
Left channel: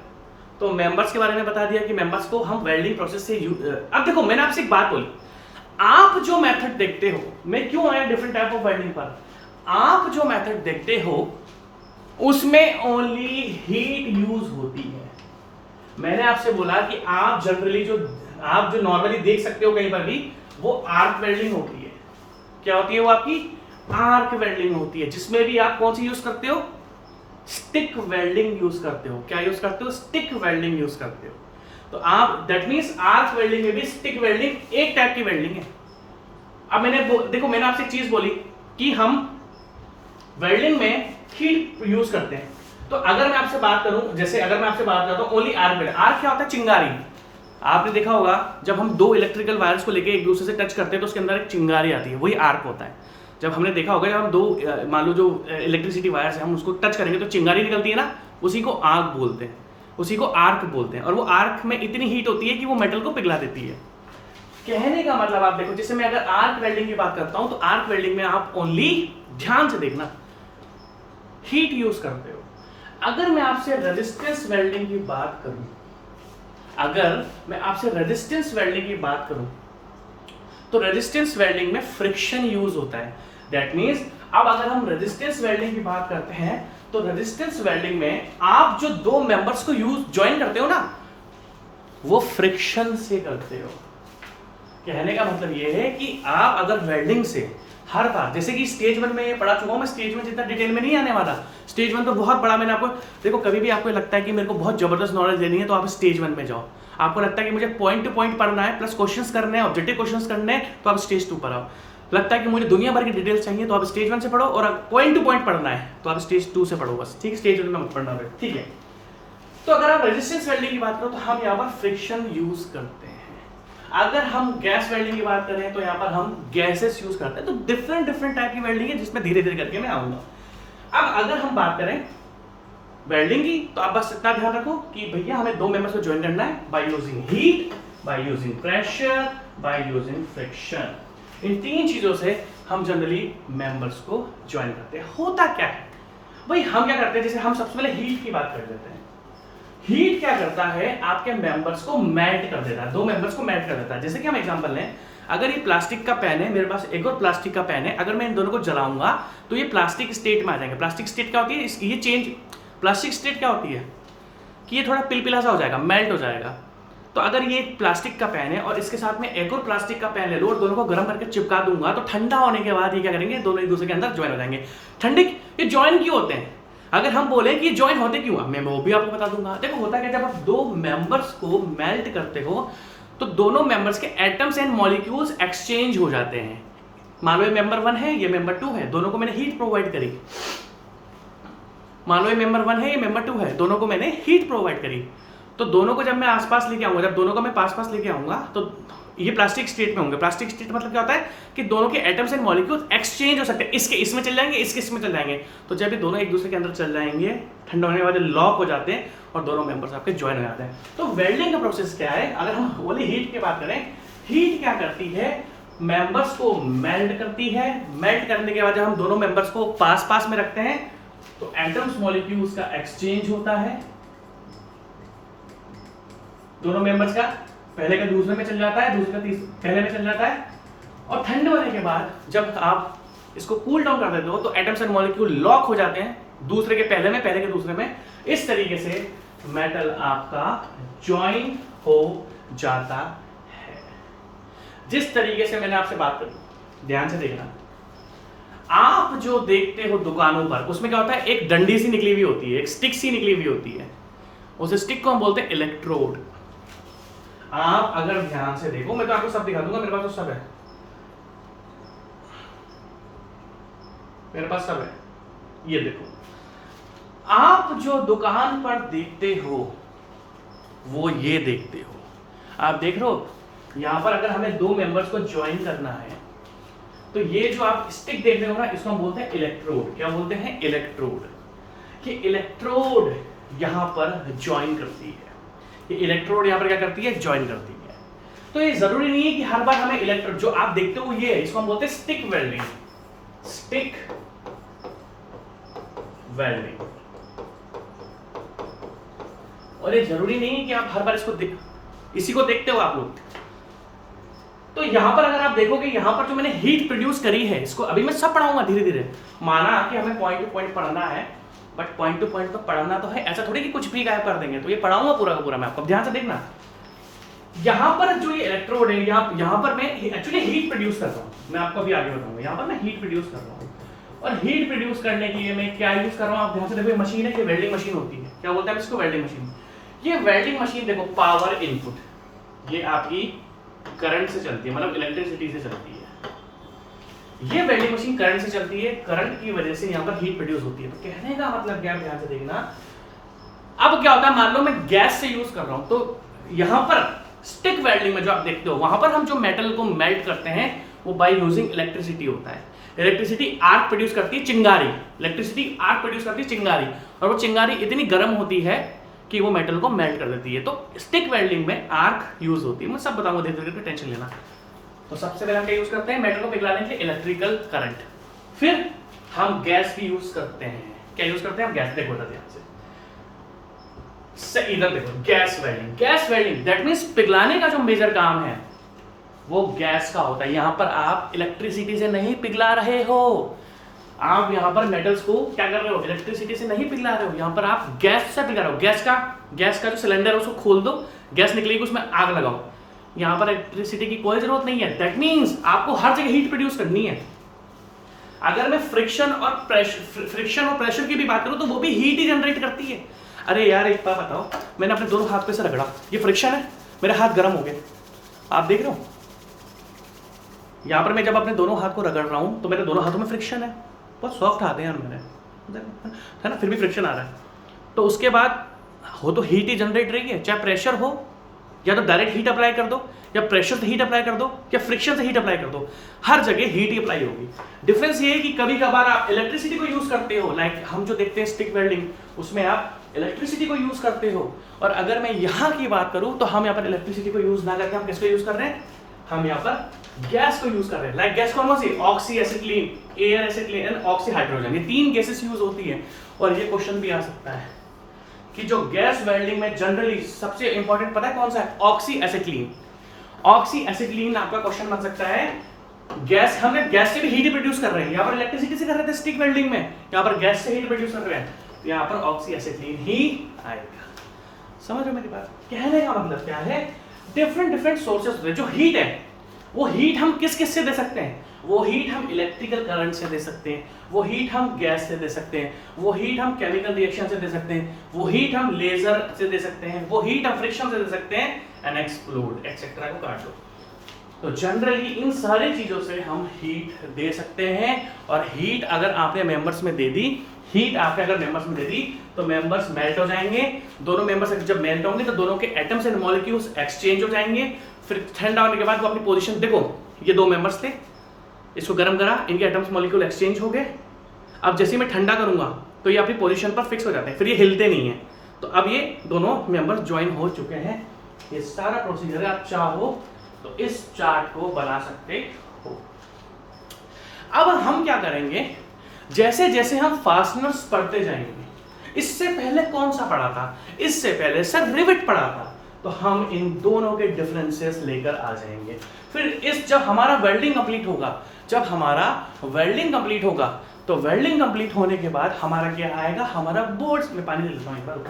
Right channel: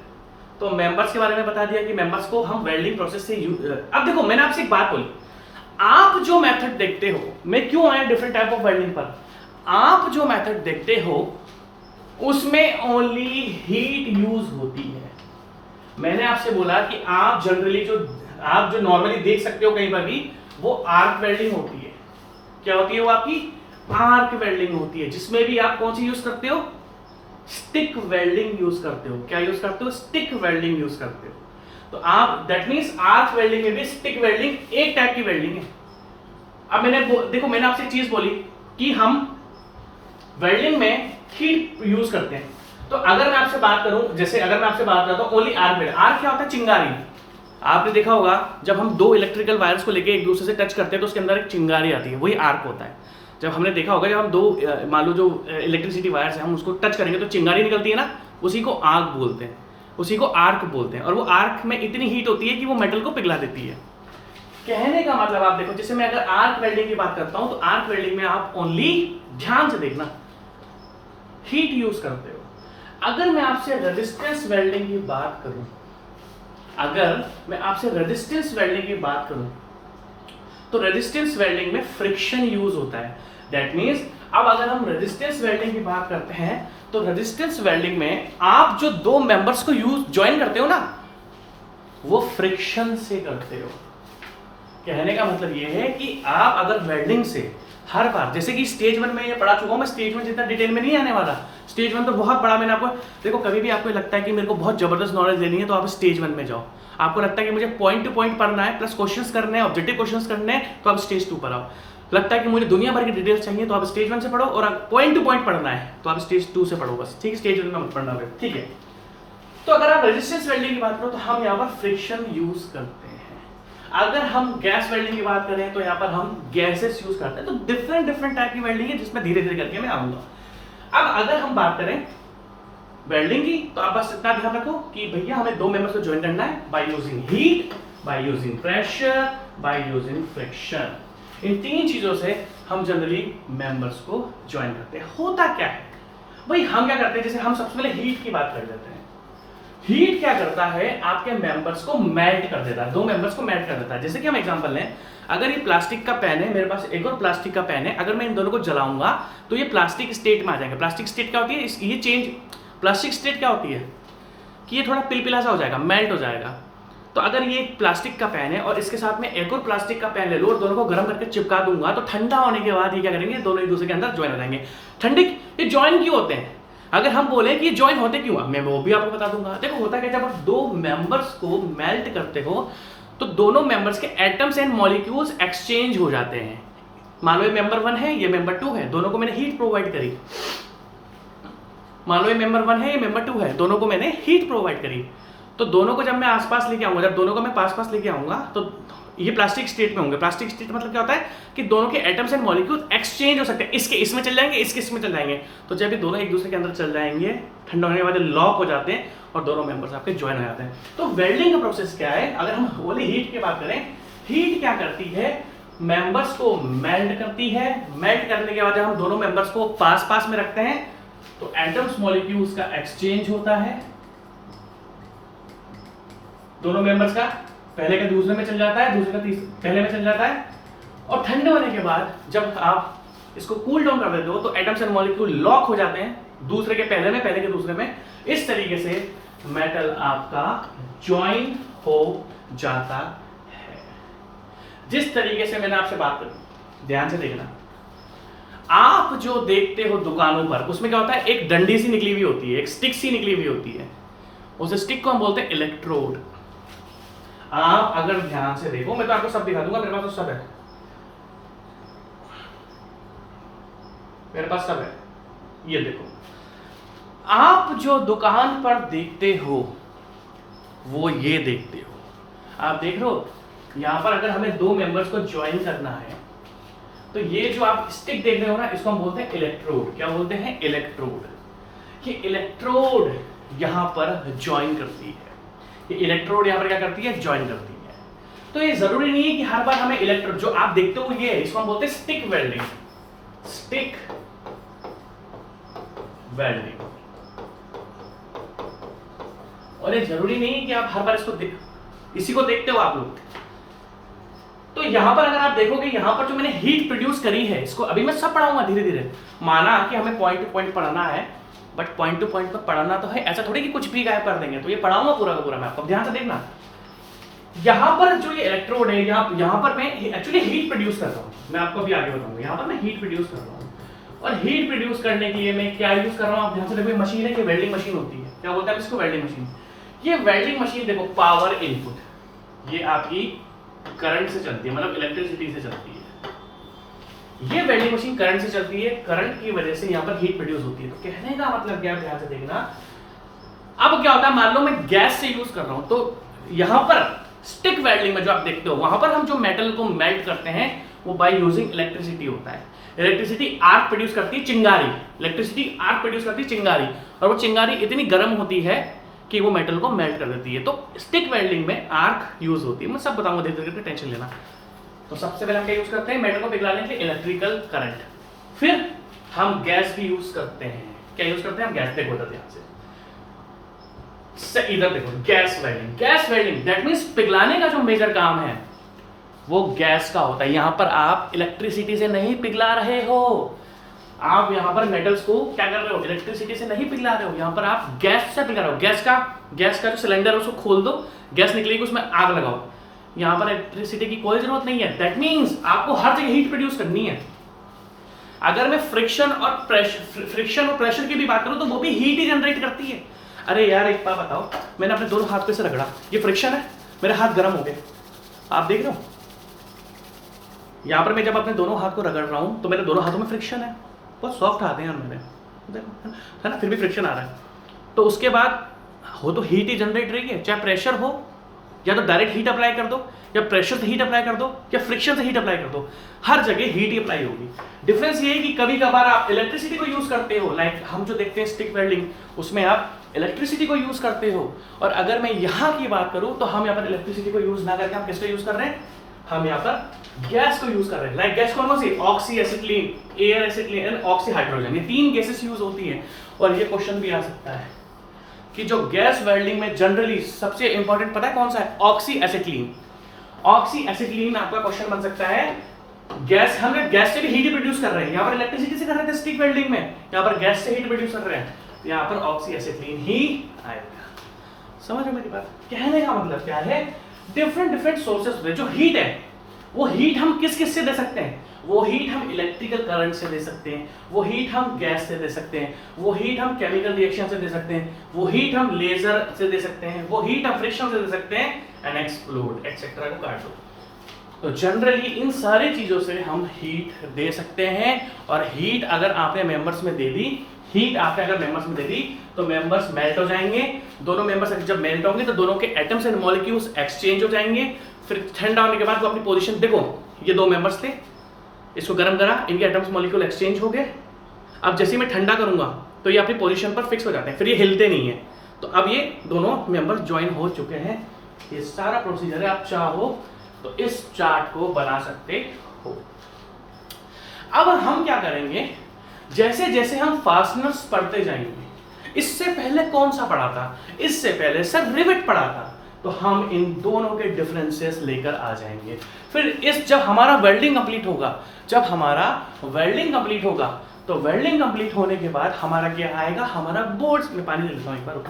तो मेंबर्स के बारे में बता दिया कि मेंबर्स को हम वेल्डिंग प्रोसेस से अब देखो, मैंने आपसे एक बात बोली, आप जो मेथड देखते हो, मैं क्यों आया डिफरेंट टाइप ऑफ वेल्डिंग पर, आप जो मेथड देखते हो उसमें ओनली हीट यूज होती है। मैंने आपसे बोला कि आप जनरली आप जो नॉर्मली देख सकते हो कहीं पर भी, वो आर्क वेल्डिंग होती है। क्या होती है वो? आपकी आर्क वेल्डिंग होती है, जिसमें भी आप कौन सी यूज करते हो? स्टिक वेल्डिंग यूज करते हो। क्या यूज करते हो? स्टिक वेल्डिंग यूज करते हो। तो आप दैट मींस आर्क वेल्डिंग में भी स्टिक वेल्डिंग एक टाइप की वेल्डिंग है। अब देखो मैंने आपसे एक चीज बोली कि हम वेल्डिंग में हीट यूज करते हैं, तो अगर मैं आपसे बात करूं, जैसे अगर मैं आपसे बात करता हूं ओनली आर्क वेल्डिंग, आर्क क्या होता है? चिंगारी। आपने देखा होगा जब हम दो इलेक्ट्रिकल वायर्स को लेके एक दूसरे से टच करते हैं तो उसके अंदर एक चिंगारी आती है, वही आर्क होता है। जब हमने देखा होगा जब हम दो मान लो जो इलेक्ट्रिसिटी वायर्स है हम उसको टच करेंगे तो चिंगारी निकलती है ना, उसी को आग बोलते हैं, उसी को आर्क बोलते हैं। और वो आर्क में इतनी हीट होती है कि वो मेटल को पिघला देती है। कहने का मतलब आप देखो, जैसे मैं अगर आर्क वेल्डिंग की बात करता हूं तो आर्क वेल्डिंग में आप ओनली ध्यान से देखना हीट यूज करते हो। अगर मैं आपसे रेजिस्टेंस वेल्डिंग की बात करूं, अगर मैं आपसे रेजिस्टेंस वेल्डिंग की बात करूं तो रेजिस्टेंस वेल्डिंग में फ्रिक्शन यूज होता है। दैट मींस अब अगर हम रेजिस्टेंस वेल्डिंग की बात करते हैं तो रेजिस्टेंस वेल्डिंग में आप जो दो मेंबर्स को ज्वाइन करते हो ना, वो फ्रिक्शन से करते हो। कहने का मतलब ये है कि आप अगर वेल्डिंग से हर बार, जैसे कि स्टेज 1 में पढ़ा चुका हूँ मैं, स्टेज 1 जितना डिटेल में नहीं आने वाला। स्टेज 1 तो बहुत बड़ा मैंने आपको, देखो कभी भी आपको लगता है कि मेरे को बहुत जबरदस्त नॉलेज लेनी है तो आप स्टेज 1 में जाओ। आपको लगता है कि मुझे पॉइंट टू पॉइंट पढ़ना है प्लस क्वेश्चंस करने हैं, ऑब्जेक्टिव क्वेश्चंस करने हैं, तो आप स्टेज 2 पर आओ। लगता है कि मुझे दुनिया भर की डिटेल्स चाहिए तो आप स्टेज 1 से पढ़ो, और पॉइंट टू पॉइंट पढ़ना है तो आप स्टेज 2 से पढ़ो बस, ठीक है। स्टेज 1 में पढ़ना है, ठीक है। तो अगर आप रेजिस्टेंस वेल्डिंग की बात करो तो हम यहाँ पर फ्रिक्शन यूज करते हैं। अगर हम गैस वेल्डिंग की बात करें तो यहाँ पर हम गैसेस यूज करते हैं। तो डिफरेंट टाइप की वेल्डिंग है जिसमें धीरे धीरे करके मैं आऊंगा। अब अगर हम बात करें वेल्डिंग की तो आप बस इतना ध्यान रखो कि भैया हमें दो मेंबर्स को ज्वाइन करना है by using heat, by using pressure, by using friction. इन तीन चीजों से हम जनरली मेंबर्स को ज्वाइन करते हैं। होता क्या है भाई, हम क्या करते हैं, जैसे हम सबसे पहले हीट की बात कर लेते हैं। हीट क्या करता है, आपके मेंबर्स को मेल्ट कर देता है, दो मेंबर्स को मेल्ट कर देता है। जैसे कि हम एग्जांपल लें, अगर ये प्लास्टिक का पेन है, मेरे पास एक और प्लास्टिक का पेन है, अगर मैं इन दोनों को जलाऊंगा तो ये प्लास्टिक स्टेट में आ जाएंगे। प्लास्टिक स्टेट क्या होती है, ये चेंज, प्लास्टिक स्टेट क्या होती है कि ये थोड़ा पिलपिला सा हो जाएगा, मेल्ट हो जाएगा। तो अगर ये एक प्लास्टिक का पेन है और इसके साथ में एक और प्लास्टिक का पेन ले लो और दोनों को गर्म करके चिपका दूंगा तो ठंडा होने के बाद ये क्या करेंगे, दोनों एक दूसरे के अंदर ज्वाइन हो जाएंगे। ठंडे ये ज्वाइन क्यों होते हैं, अगर हम बोले कि ये ज्वाइन होते क्यों, मैं वो भी आपको बता दूंगा। देखो होता क्या, जब आप दो मेंबर्स को मेल्ट करते हो तो दोनों मेंबर्स के एटम्स एंड मॉलिक्यूल्स एक्सचेंज हो जाते हैं। मान लो ये मेंबर 1 है, ये मेंबर 2 है, दोनों को मैंने हीट प्रोवाइड करी। मान लो ये मेंबर 1 है, ये मेंबर 2 है, दोनों को मैंने हीट प्रोवाइड करी। तो दोनों को जब मैं आसपास लेके आऊंगा, जब दोनों को मैं पास लेके आऊंगा तो ये प्लास्टिक स्टेट में होंगे। प्लास्टिक स्टेट मतलब क्या होता है कि दोनों के एटम्स एंड मॉलिक्यूल्स एक्सचेंज हो सकते हैं, इसके इसमें चल जाएंगे, इसके इसमें चल जाएंगे। तो जब ये दोनों एक दूसरे के अंदर चल जाएंगे, ठंडा होने के बाद लॉक हो जाते हैं और दोनों मेंबर्स आपके ज्वाइन हो जाते हैं। तो वेल्डिंग का प्रोसेस क्या है, अगर हम ओनली हीट की बात करें, हीट क्या करती है, मेंबर्स को मेल्ट करती है। मेल्ट करने के बाद जब हम दोनों मेंबर्स को पास में रखते हैं तो एटम्स मॉलिक्यूल्स का एक्सचेंज होता है, दोनों मेंबर्स का, पहले का दूसरे में चल जाता है, दूसरे का पहले में चल जाता है। और ठंडे होने के बाद जब आप इसको कूल डाउन कर देते हो तो एटम्स एंड मॉलिक्यूल लॉक हो जाते हैं, दूसरे के पहले में, पहले के दूसरे में। इस तरीके से मेटल आपका ज्वाइन हो जाता है। जिस तरीके से मैंने आपसे बात करी, ध्यान से देखना, आप जो देखते हो दुकानों पर, उसमें क्या होता है, एक डंडी सी निकली हुई होती है, एक स्टिक सी निकली हुई होती है, उस स्टिक को हम बोलते हैं इलेक्ट्रोड। आप अगर ध्यान से देखो, मैं तो आपको सब दिखा दूंगा, मेरे पास तो सब है, मेरे पास सब है। ये देखो, आप जो दुकान पर देखते हो वो ये देखते हो, आप देख रहे हो यहां पर अगर हमें दो मेंबर्स को ज्वाइन करना है तो ये जो आप स्टिक देख रहे हो ना, इसको हम बोलते हैं इलेक्ट्रोड। क्या बोलते हैं, इलेक्ट्रोड। ये इलेक्ट्रोड यहां पर ज्वाइन करती है, ये इलेक्ट्रोड यहां पर क्या करती है, ज्वाइन करती है। तो ये जरूरी नहीं है कि हर बार हमें इलेक्ट्रोड, जो आप देखते हो ये है, इसको हम बोलते हैं स्टिक वेल्डिंग, स्टिक वेल्डिंग। और ये जरूरी नहीं है कि आप हर बार इसको इसी को देखते हो आप लोग। तो यहां पर अगर आप देखोगे, यहां पर जो मैंने हीट प्रोड्यूस करी है, इसको अभी मैं सब पढ़ाऊंगा धीरे धीरे। माना कि हमें पॉइंट टू पॉइंट पढ़ना है, बट पॉइंट टू पॉइंट पर पढ़ना तो है, ऐसा थोड़ी कि कुछ भी गायब कर देंगे। तो ये पढ़ाऊंगा पूरा का पूरा मैं आपको, ध्यान से देखना। यहां पर जो ये इलेक्ट्रोड है, यहां पर मैं एक्चुअली हीट प्रोड्यूस कर रहा हूं, मैं आपको अभी आगे बताऊंगा। यहां पर मैं हीट प्रोड्यूस कर रहा हूं, और हीट प्रोड्यूस करने के लिए मैं क्या यूज कर रहा हूं, आप ध्यान से देखो। मशीन है कि वेल्डिंग मशीन होती है, क्या बोलते हैं इसको, वेल्डिंग मशीन। ये वेल्डिंग मशीन देखो, पावर इनपुट, ये आपकी करंट से चलती है, मतलब इलेक्ट्रिसिटी से चलती है। ये वेल्डिंग मशीन करंट से चलती है, करंट की वजह से यहाँ पर हीट प्रोड्यूस होती है। तो कहने का मतलब क्या, ध्यान से देखना। अब क्या होता है, मान लो मैं गैस से यूज कर रहा हूं, तो यहां पर स्टिक वेल्डिंग में जो आप देखते हो, वहां पर हम जो मेटल को मेल्ट करते हैं वो बाय यूजिंग इलेक्ट्रिसिटी होता है। इलेक्ट्रिसिटी आर्क प्रोड्यूस करती है, चिंगारी, इलेक्ट्रिसिटी आर्क प्रोड्यूस करती है, चिंगारी। और वो चिंगारी इतनी गर्म होती है कि वो मेटल को मेल्ट कर देती है। तो स्टिक वेल्डिंग में आर्क यूज होती है, मैं सब बताऊंगा धीरे धीरे, टेंशन लेना। तो सबसे पहले हम क्या यूज करते हैं, मेटल को पिघलाने के लिए इलेक्ट्रिकल करंट। फिर हम गैस भी यूज करते हैं। क्या यूज करते हैं हम, गैस। देखो ध्यान से इधर देखो, gas welding. Gas welding that means पिघलाने का जो मेजर काम है वो गैस का होता है। यहां पर आप इलेक्ट्रिसिटी से नहीं पिघला रहे हो, आप यहां पर मेटल्स को क्या कर रहे हो, इलेक्ट्रिसिटी से नहीं पिघला रहे हो, यहां पर आप गैस से पिघला रहे हो। गैस का जो सिलेंडर है उसको खोल दो, गैस निकलेगी, उसमें आग लगाओ। यहाँ पर इलेक्ट्रिसिटी की कोई जरूरत नहीं है। दैट मीन्स आपको हर जगह हीट प्रोड्यूस करनी है। अगर मैं फ्रिक्शन और प्रेशर की भी बात करूं तो वो भी हीट ही जनरेट करती है। अरे यार एक बात बताओ, मैंने अपने दोनों हाथ पे से रगड़ा, ये फ्रिक्शन है, मेरे हाथ गर्म हो गए, आप देख रहे हो। यहां पर मैं जब अपने दोनों हाथ को रगड़ रहा हूं तो मेरे दोनों हाथों में फ्रिक्शन है, बहुत सॉफ्ट हाथ है मेरे, है ना, फिर भी फ्रिक्शन आ रहा है। तो उसके बाद हो तो हीट ही जनरेट रही है, चाहे प्रेशर हो, या तो डायरेक्ट हीट अप्लाई कर दो, या प्रेशर से हीट अप्लाई कर दो, या फ्रिक्शन से हीट अप्लाई कर दो, हर जगह हीट ही अप्लाई होगी। डिफरेंस ये है कि कभी कभार आप इलेक्ट्रिसिटी को यूज करते हो, लाइक हम जो देखते हैं स्टिक वेल्डिंग, उसमें आप इलेक्ट्रिसिटी को यूज करते हो। और अगर मैं यहाँ की बात करूं तो हम यहाँ पर इलेक्ट्रिसिटी को यूज ना करके हम किसको यूज कर रहे हैं, हम यहाँ पर गैस को यूज कर रहे हैं। लाइक गैस कौन सी, oxy acetylene, air acetylene and oxy hydrogen, ये 3 गैसेस यूज होती है। और ये क्वेश्चन भी आ सकता है कि जो गैस वेल्डिंग में जनरली सबसे इंपॉर्टेंट पता है कौन सा है, ऑक्सी एसिटिलीन। ऑक्सी एसिटिलीन आपका क्वेश्चन बन सकता है। गैस, हम गैस से भी हीट प्रोड्यूस कर रहे हैं, यहाँ पर इलेक्ट्रिसिटी से कर रहे थे स्टिक वेल्डिंग में, यहाँ पर गैस से हीट प्रोड्यूस कर रहे हैं, यहाँ पर ऑक्सी एसिटिलीन ही आएगा। समझ लो मेरी बात, कहने का मतलब क्या है, डिफरेंट सोर्सेस, जो हीट है वो हीट हम किस किस से दे सकते हैं, वो हीट हम इलेक्ट्रिकल करंट से दे सकते हैं, वो हीट हम गैस से दे सकते हैं, वो हीट हम केमिकल रिएक्शन से दे सकते हैं, वो हीट हम लेजर से दे सकते हैं, वो हीट हम फ्रिक्शन से दे सकते हैं, एंड एक्सप्लोड एक्सेट्रा को काट दो। तो जनरली इन सारी चीजों से हम हीट दे सकते हैं। और हीट अगर आपने मेंबर्स में दे दी, हीट आपने अगर मेंबर्स में दे दी तो मेंबर्स मेल्ट हो जाएंगे। दोनों मेंबर्स जब मेल्ट होंगे तो दोनों के एटम्स एंड मॉलिक्यूल्स एक्सचेंज हो जाएंगे। फिर ठंडा होने के बाद वो अपनी पोजीशन, देखो ये 2 मेंबर्स थे, इसको गर्म करा, इनके एटम्स मॉलिक्यूल एक्सचेंज हो गए। अब जैसे मैं ठंडा करूंगा तो ये अपनी पोजीशन पर फिक्स हो जाते हैं, फिर ये हिलते नहीं है। तो अब ये दोनों मेंबर्स ज्वाइन हो चुके हैं। ये सारा प्रोसीजर है, आप चाहो तो इस चार्ट को बना सकते हो। अब हम क्या करेंगे, जैसे जैसे हम फास्टनर्स पढ़ते जाएंगे, इससे पहले कौन सा पढ़ा था, इससे पहले सर रिवेट पढ़ा था, तो हम इन दोनों के डिफरेंसेस लेकर आ जाएंगे। फिर इस जब हमारा वेल्डिंग कंप्लीट होगा, तो वेल्डिंग कंप्लीट होने के बाद हमारा क्या आएगा, हमारा बोर्ड्स में पानी ले लेता हूं एक बार,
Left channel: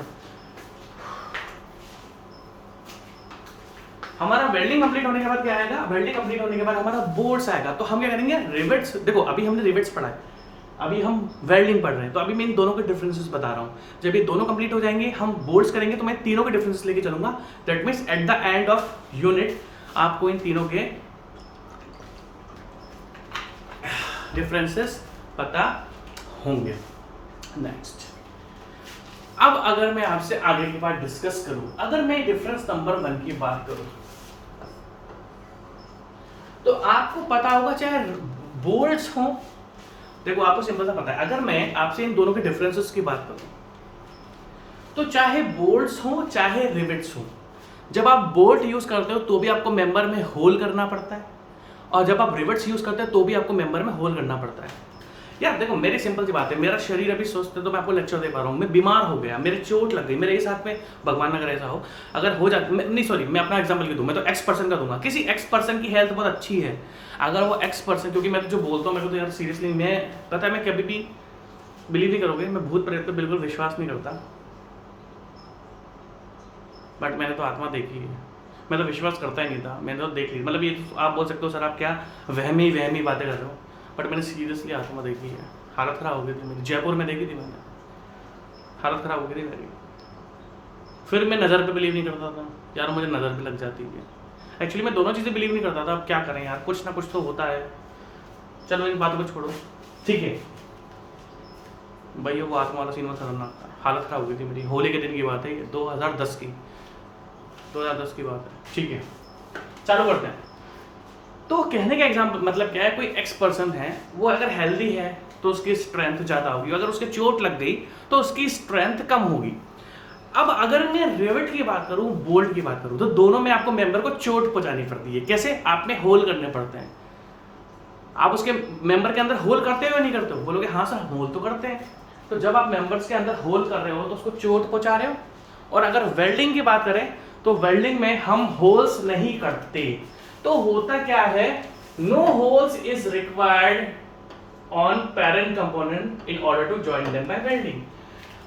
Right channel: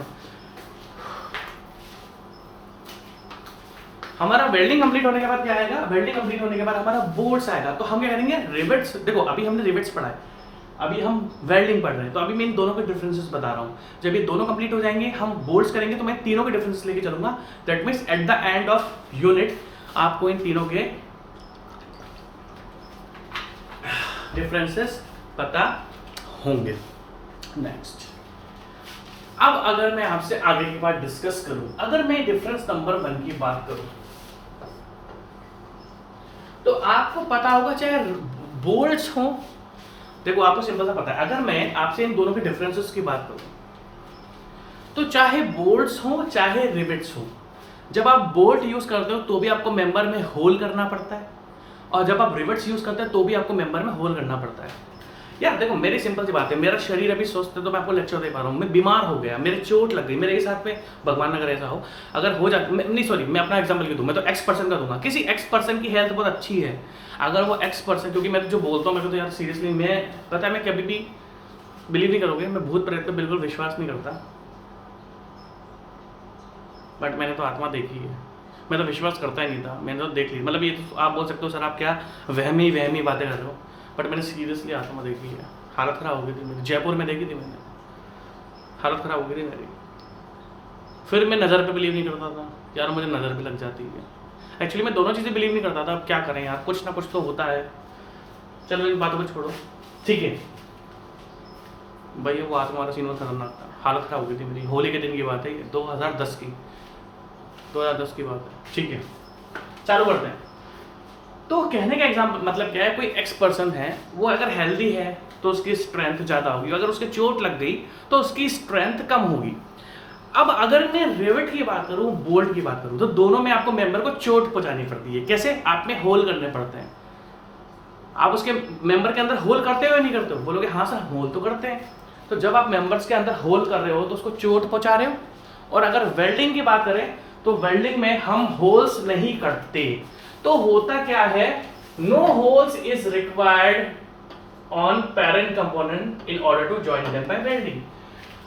हमारा वेल्डिंग कंप्लीट होने के बाद क्या आएगा, वेल्डिंग कंप्लीट होने के बाद हमारा बोर्ड्स आएगा। तो हम क्या करेंगे, रिवेट्स, देखो अभी हमने रिवेट्स पढ़ा है, अभी हम वेल्डिंग पढ़ रहे हैं, तो अभी मैं इन दोनों के डिफरेंसेस बता रहा हूँ। जब ये दोनों कंप्लीट हो जाएंगे, हम बोर्ड्स करेंगे, तो मैं तीनों के डिफरेंसेस लेके चलूंगा। That means at the end of unit आपको इन तीनों के डिफरेंसेस पता होंगे। नेक्स्ट, अब अगर मैं आपसे आगे की बात डिस्कस करूं, अगर मैं डिफरेंस नंबर 1 की बात करूं, तो आपको पता होगा चाहे बोल्ट्स हो, देखो आपको सिंपल सा पता है, अगर मैं आपसे इन दोनों के डिफरेंसेस की बात करूं, तो चाहे बोल्ट्स हो चाहे रिवेट्स हो, जब आप बोल्ट यूज करते हो तो भी आपको मेंबर में होल करना पड़ता है, और जब आप रिवेट्स यूज करते हैं तो भी आपको मेंबर में होल करना पड़ता है। यार देखो मेरी सिंपल सी बात है, मेरा शरीर अभी स्वस्थ है तो मैं आपको लेक्चर दे पा रहा हूँ, मैं बीमार हो गया, मेरे चोट लग गई, मेरे इस हाथ में, भगवान ना करे ऐसा हो, अगर हो जाता, नहीं सॉरी मैं अपना एग्जांपल क्यों दूं, मैं तो एक्स पर्सन का दूंगा, किसी एक्स पर्सन की हेल्थ बहुत अच्छी है, अगर वो एक्स पर्सन, क्योंकि मैं तो जो बोलता हूँ मेरे को तो यार सीरियसली, मैं पता है मैं कभी भी बिलीव नहीं करोगे, मैं भूत प्रेत पे बिल्कुल विश्वास नहीं करता, बट मैंने तो आत्मा देखी है, मैं तो विश्वास करता ही नहीं था, मैंने तो देख ली, मतलब ये तो आप बोल सकते हो सर आप क्या वहमी बातें कर रहे हो, बट मैंने सीरियसली आत्मा देखी है। हालत ख़राब हो गई थी मेरी, जयपुर में देखी थी मैंने, हालत ख़राब हो गई थी मेरी। फिर मैं नज़र पे बिलीव नहीं करता था, यार मुझे नज़र भी लग जाती है, एक्चुअली मैं दोनों चीज़ें बिलीव नहीं करता था, अब क्या करें यार, कुछ ना कुछ तो होता है। चलो इन बातों को छोड़ो, ठीक है भैया, वो आत्मा वाला सीन खतरनाक था, हालत ख़राब हो गई थी मेरी, होली के दिन की बात है ये, 2010 की बात है, ठीक है चालू करते हैं। तो कहने का एग्जाम्पल मतलब क्या है, कोई एक्स पर्सन है, वो अगर हेल्दी है तो उसकी स्ट्रेंथ ज़्यादा होगी, अगर उसके चोट लग गई तो उसकी स्ट्रेंथ कम होगी। अब अगर मैं रिवेट की बात करूं, बोल्ट की बात करूं, तो दोनों में आपको मेंबर को चोट पहुंचानी पड़ती है। कैसे? आप में होल करने पड़ते हैं। आप उसके मेंबर के अंदर होल करते हो या नहीं करते हो? बोलोगे हाँ सर होल तो करते हैं। तो जब आप मेंबर्स के अंदर होल कर रहे हो तो उसको चोट पहुंचा रहे हो। और अगर वेल्डिंग की बात करें तो वेल्डिंग में हम होल्स नहीं करते। तो होता क्या है, no holes is required on parent component in order to join them by welding.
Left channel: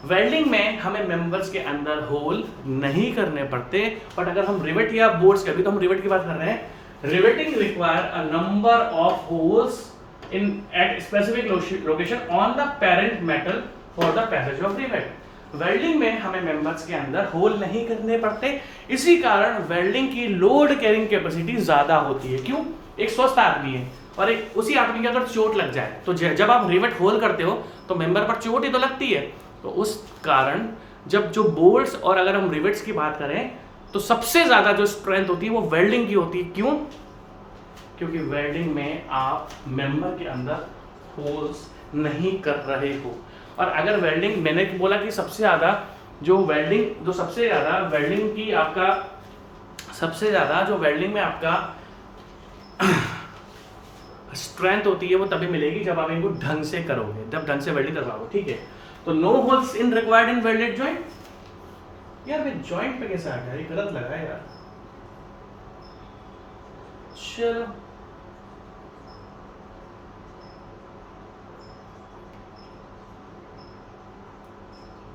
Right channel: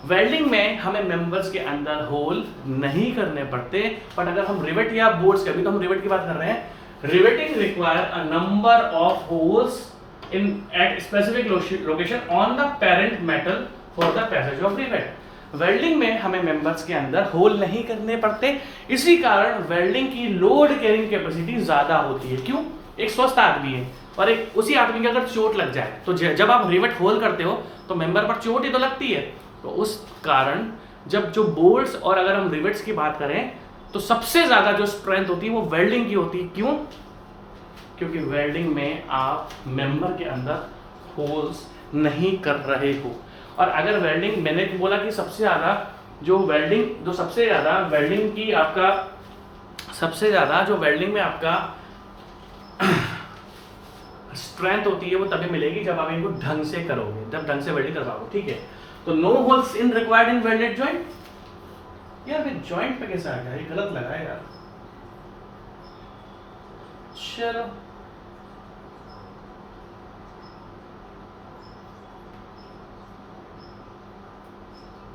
Welding में हमें मेंबर्स के अंदर होल नहीं करने पड़ते, बट अगर हम रिवेट या बोर्ड्स के, अभी तो हम रिवेट की बात कर रहे हैं, riveting require a number of holes in at specific location on the parent metal for the passage of rivet. Welding में हमें मेंबर्स के अंदर होल नहीं करने पड़ते, इसी कारण वेल्डिंग की लोड कैरिंग कैपेसिटी ज्यादा होती है। क्यों? एक स्वस्थ आदमी है और एक उसी आदमी की अगर चोट लग जाए तो जब आप रिवेट होल करते हो तो मेंबर पर चोट ही तो लगती है। तो उस कारण जब जो बोल्ट्स और अगर हम रिवेट्स की बात करें तो सबसे ज्यादा जो स्ट्रेंथ होती है वो वेल्डिंग की होती है। क्यों? क्योंकि वेल्डिंग में आप मेंबर के अंदर होल्स नहीं कर रहे हो। और अगर वेल्डिंग, मैंने बोला कि सबसे ज्यादा जो वेल्डिंग की आपका सबसे ज्यादा जो वेल्डिंग में आपका स्ट्रेंथ होती है वो तभी मिलेगी जब आप इनको ढंग से करोगे, जब ढंग से वेल्डिंग करवाओगे। ठीक है, तो no holes in required in welded joint. यार मैं जॉइंट पे कैसे आ गया, ये गलत लगा है यार। चलो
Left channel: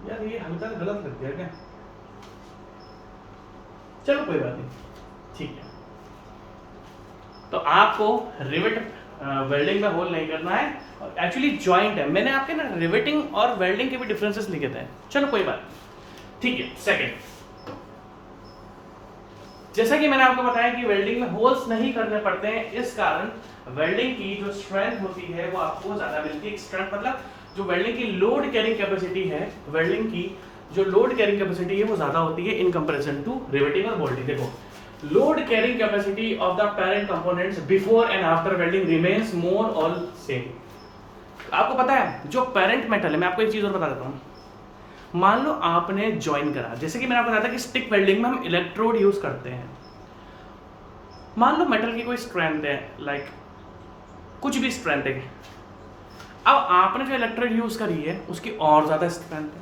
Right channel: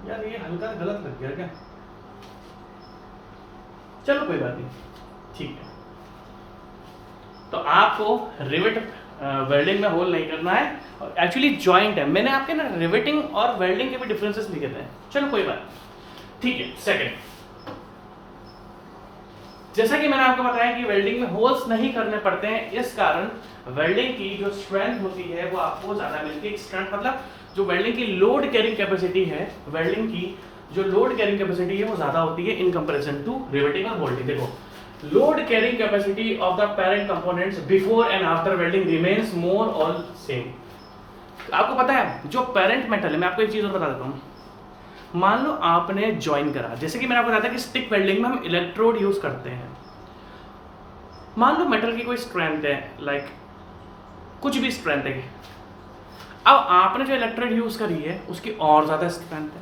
यार ये हल्का गलत लग गया क्या? चलो कोई बात नहीं, ठीक है। तो आपको रिवेट वेल्डिंग में होल नहीं करना है, एक्चुअली जॉइंट है। मैंने आपके ना रिवेटिंग और वेल्डिंग के भी डिफरेंसेस लिखे थे। चलो कोई बात, ठीक है। सेकंड, जैसा कि मैंने आपको बताया कि वेल्डिंग में होल्स नहीं करने पड़ते हैं, इस कारण वेल्डिंग की जो स्ट्रेंथ होती है वो आपको ज्यादा मिलती है। स्ट्रेंथ मतलब जो वेल्डिंग की लोड कैरिंग कैपेसिटी है, वेल्डिंग की जो लोड कैरिंग कैपेसिटी है वो ज्यादा होती है इन कंपैरिजन टू रिवेटिंग और बोल्टिंग। देखो, load carrying capacity of the parent components before and after welding remains more और सेम। आपको पता है जो पेरेंट मेटल है, मैं आपको एक चीज और बता देता हूं। मान लो आपने ज्वाइन करा, जैसे कि मैंने आपको बताया था कि स्टिक वेल्डिंग में हम इलेक्ट्रोड यूज करते हैं। मान लो मेटल की कोई स्ट्रेंथ है, लाइक कुछ भी स्ट्रेंथ है, अब आपने जो इलेक्ट्रोड यूज करी है उसकी और ज्यादा स्ट्रेंथ है।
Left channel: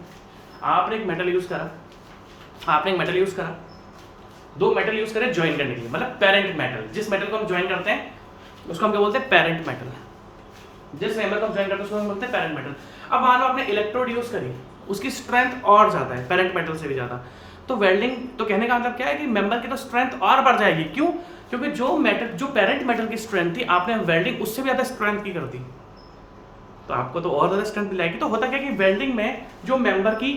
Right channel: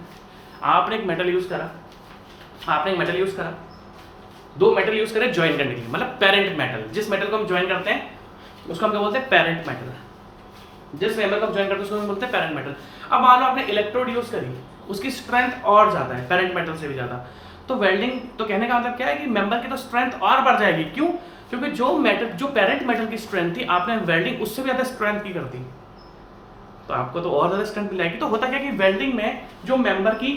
आपने एक मेटल यूज करा, दो मेटल यूज करे ज्वाइन करने के लिए, मतलब पेरेंट मेटल। जिस मेटल को हम ज्वाइन करते हैं उसको हम क्या बोलते हैं? Parent metal. जिस मेंबर को हम ज्वाइन करते हैं उसको हम बोलते हैं पेरेंट मेटल। अब मान लो आपने इलेक्ट्रोड यूज करी, उसकी स्ट्रेंथ और ज्यादा है, पेरेंट मेटल से भी ज्यादा, तो वेल्डिंग, तो कहने का मतलब क्या है कि मेंबर की तो स्ट्रेंथ और बढ़ जाएगी। क्यों? क्योंकि जो पेरेंट मेटल की स्ट्रेंथ थी, आपने वेल्डिंग उससे भी ज्यादा स्ट्रेंथ की कर दी, तो आपको तो और ज्यादा स्ट्रेंथ मिलेगी। तो होता क्या कि वेल्डिंग में जो मेंबर की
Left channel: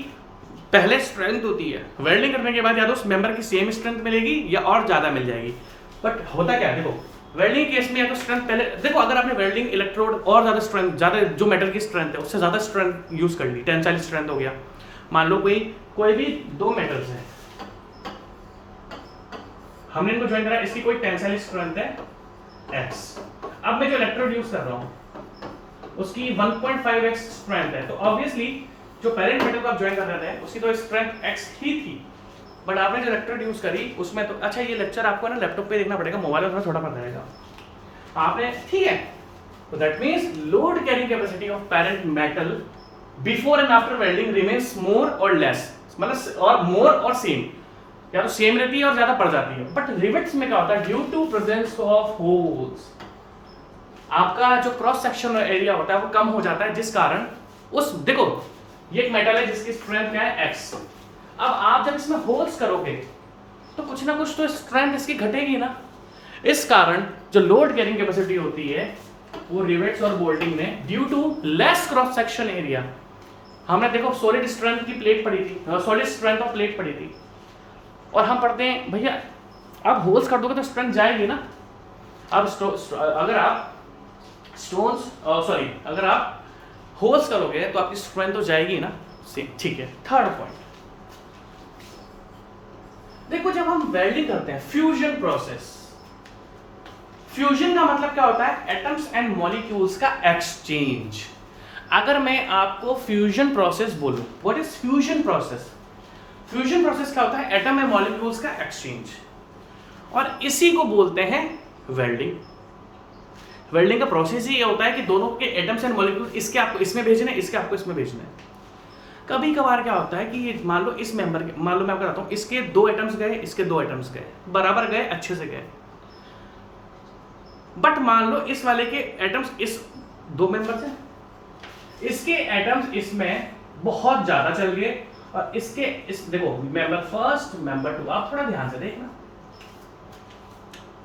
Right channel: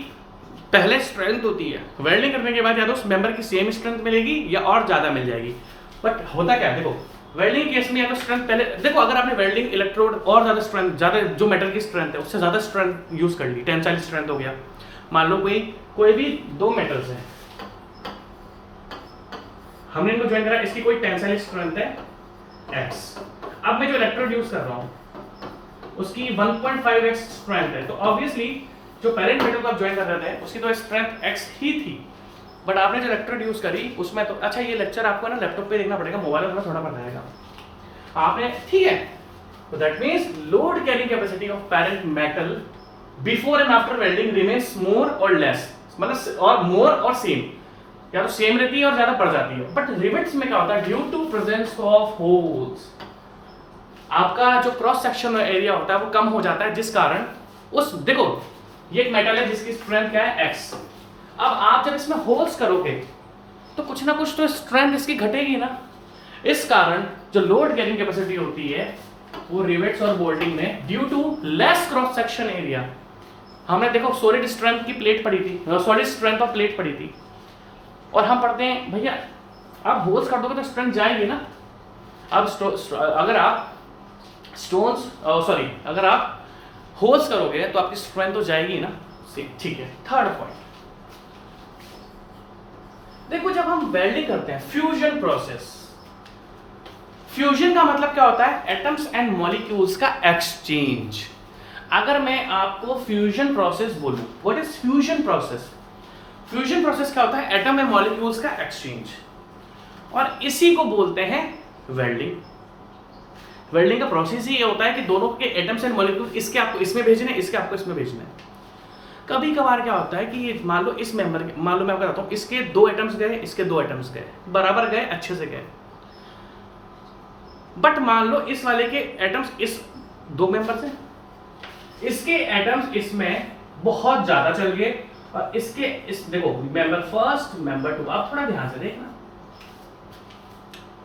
पहले स्ट्रेंथ होती है, वेल्डिंग करने के बाद या तो उस मेंबर की सेम स्ट्रेंथ मिलेगी या और ज्यादा मिल जाएगी। बट होता क्या है, देखो वेल्डिंग केस में या तो स्ट्रेंथ पहले, देखो अगर आपने वेल्डिंग इलेक्ट्रोड और ज्यादा स्ट्रेंथ, ज्यादा जो मेटल की स्ट्रेंथ है उससे ज्यादा स्ट्रेंथ यूज कर ली, टेंसाइल स्ट्रेंथ हो गया। मान लो कोई भी दो मेटल्स हैं, हमने इनको ज्वाइन करा, इसकी कोई टेंसाइल स्ट्रेंथ है x। अब मैं जो इलेक्ट्रोड यूज कर रहा हूं उसकी 1.5x स्ट्रेंथ है, तो ऑब्वियसली जो पेरेंट मेटल को आप ज्वाइन कर रहे थे उसकी तो स्ट्रेंथ x ही थी, बट आपने जो इलेक्ट्रोड यूज करी उसमें तो, अच्छा ये लेक्चर आपको ना लैपटॉप पे देखना पड़ेगा, मोबाइल में थोड़ा कर रहेगा आपने, ठीक है। तो that means load carrying capacity of parent metal before and after welding remains more और लेस, मतलब और मोर और सेम, या तो सेम रहती है और ज्यादा बढ़ जाती है। बट रिवेट्स में क्या होता है, due to presence of holes, आपका जो क्रॉस सेक्शन एरिया होता है वो कम हो जाता है, जिस कारण उस, देखो ये एक मेटल है जिसकी स्ट्रेंथ क्या है x। अब आप जब इसमें होल्स करोगे तो कुछ ना कुछ तो स्ट्रेंथ इसकी घटेगी ना, इस कारण जो लोड कैरिंग कैपेसिटी होती है वो रिवेट्स और बोल्टिंग में due to less cross section area, हमने देखो सॉलिड स्ट्रेंथ की प्लेट पड़ी थी, सॉलिड स्ट्रेंथ ऑफ प्लेट पड़ी थी, और हम पढ़ते हैं भैया आप होल्स कर दोगे तो स्ट्रेंथ जाएगी ना। अब अगर आप अगर आप होल्स करोगे तो आपकी स्ट्रेंथ तो जाएगी ना, ठीक है। थर्ड पॉइंट, देखो जब हम वेल्डिंग करते हैं, फ्यूजन प्रोसेस, फ्यूजन का मतलब क्या होता है? एटम्स एंड मॉलिक्यूल्स का एक्सचेंज। अगर मैं आपको फ्यूजन प्रोसेस बोलूं, what is fusion process? Fusion process क्या होता है? एटम एंड मॉलिक्यूल्स का एक्सचेंज, और इसी को बोलते हैं वेल्डिंग। वेल्डिंग का प्रोसेस ही ये होता है कि दोनों के एटम्स एंड मॉलिक्यूल, इसके आपको इसमें भेजने, इसके आपको इसमें भेजने। कभी कभार क्या होता है कि मान लो इस मेंबर के, मान लो मैं आपको बताता हूं, इसके दो एटम्स गए, इसके दो एटम्स गए, बराबर गए, अच्छे से गए। बट मान लो इस वाले के एटम्स इस दो मेंबर से, इसके एटम्स इसमें बहुत ज्यादा चल गए, और इसके इस देखो मेंबर फर्स्ट मेंबर टू, आप थोड़ा ध्यान से देखना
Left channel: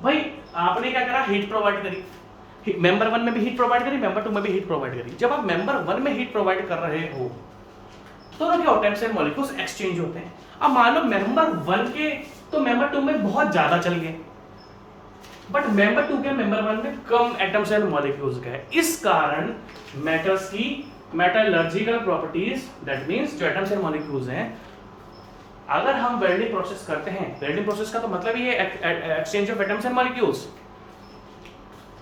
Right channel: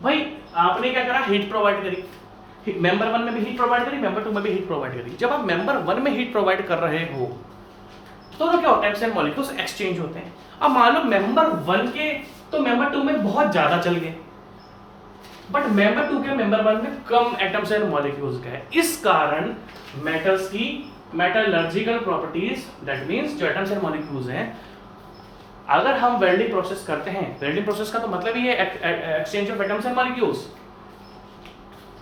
भाई, आपने क्या करा, हीट प्रोवाइड करी, मेंबर वन में भी हीट प्रोवाइड करी, मेंबर टू में भी हीट प्रोवाइड करी। जब आप मेंबर वन में हीट प्रोवाइड कर रहे हो तो क्या होता है, एटम्स एंड मॉलिक्यूल्स एक्सचेंज होते हैं। अब मान लो मेंबर वन के तो मेंबर टू में बहुत ज्यादा चल गए, बट मेंबर टू के मेंबर वन में कम एटम्स एंड मॉलिक्यूल्स का है। इस कारण मेटल्स की मेटलर्जिकल प्रॉपर्टीज, दैट मींस जो एटम्स एंड मॉलिक्यूल्स हैं, अगर हम वेल्डिंग प्रोसेस करते हैं, वेल्डिंग प्रोसेस का तो मतलब ही है exchange of atoms and molecules.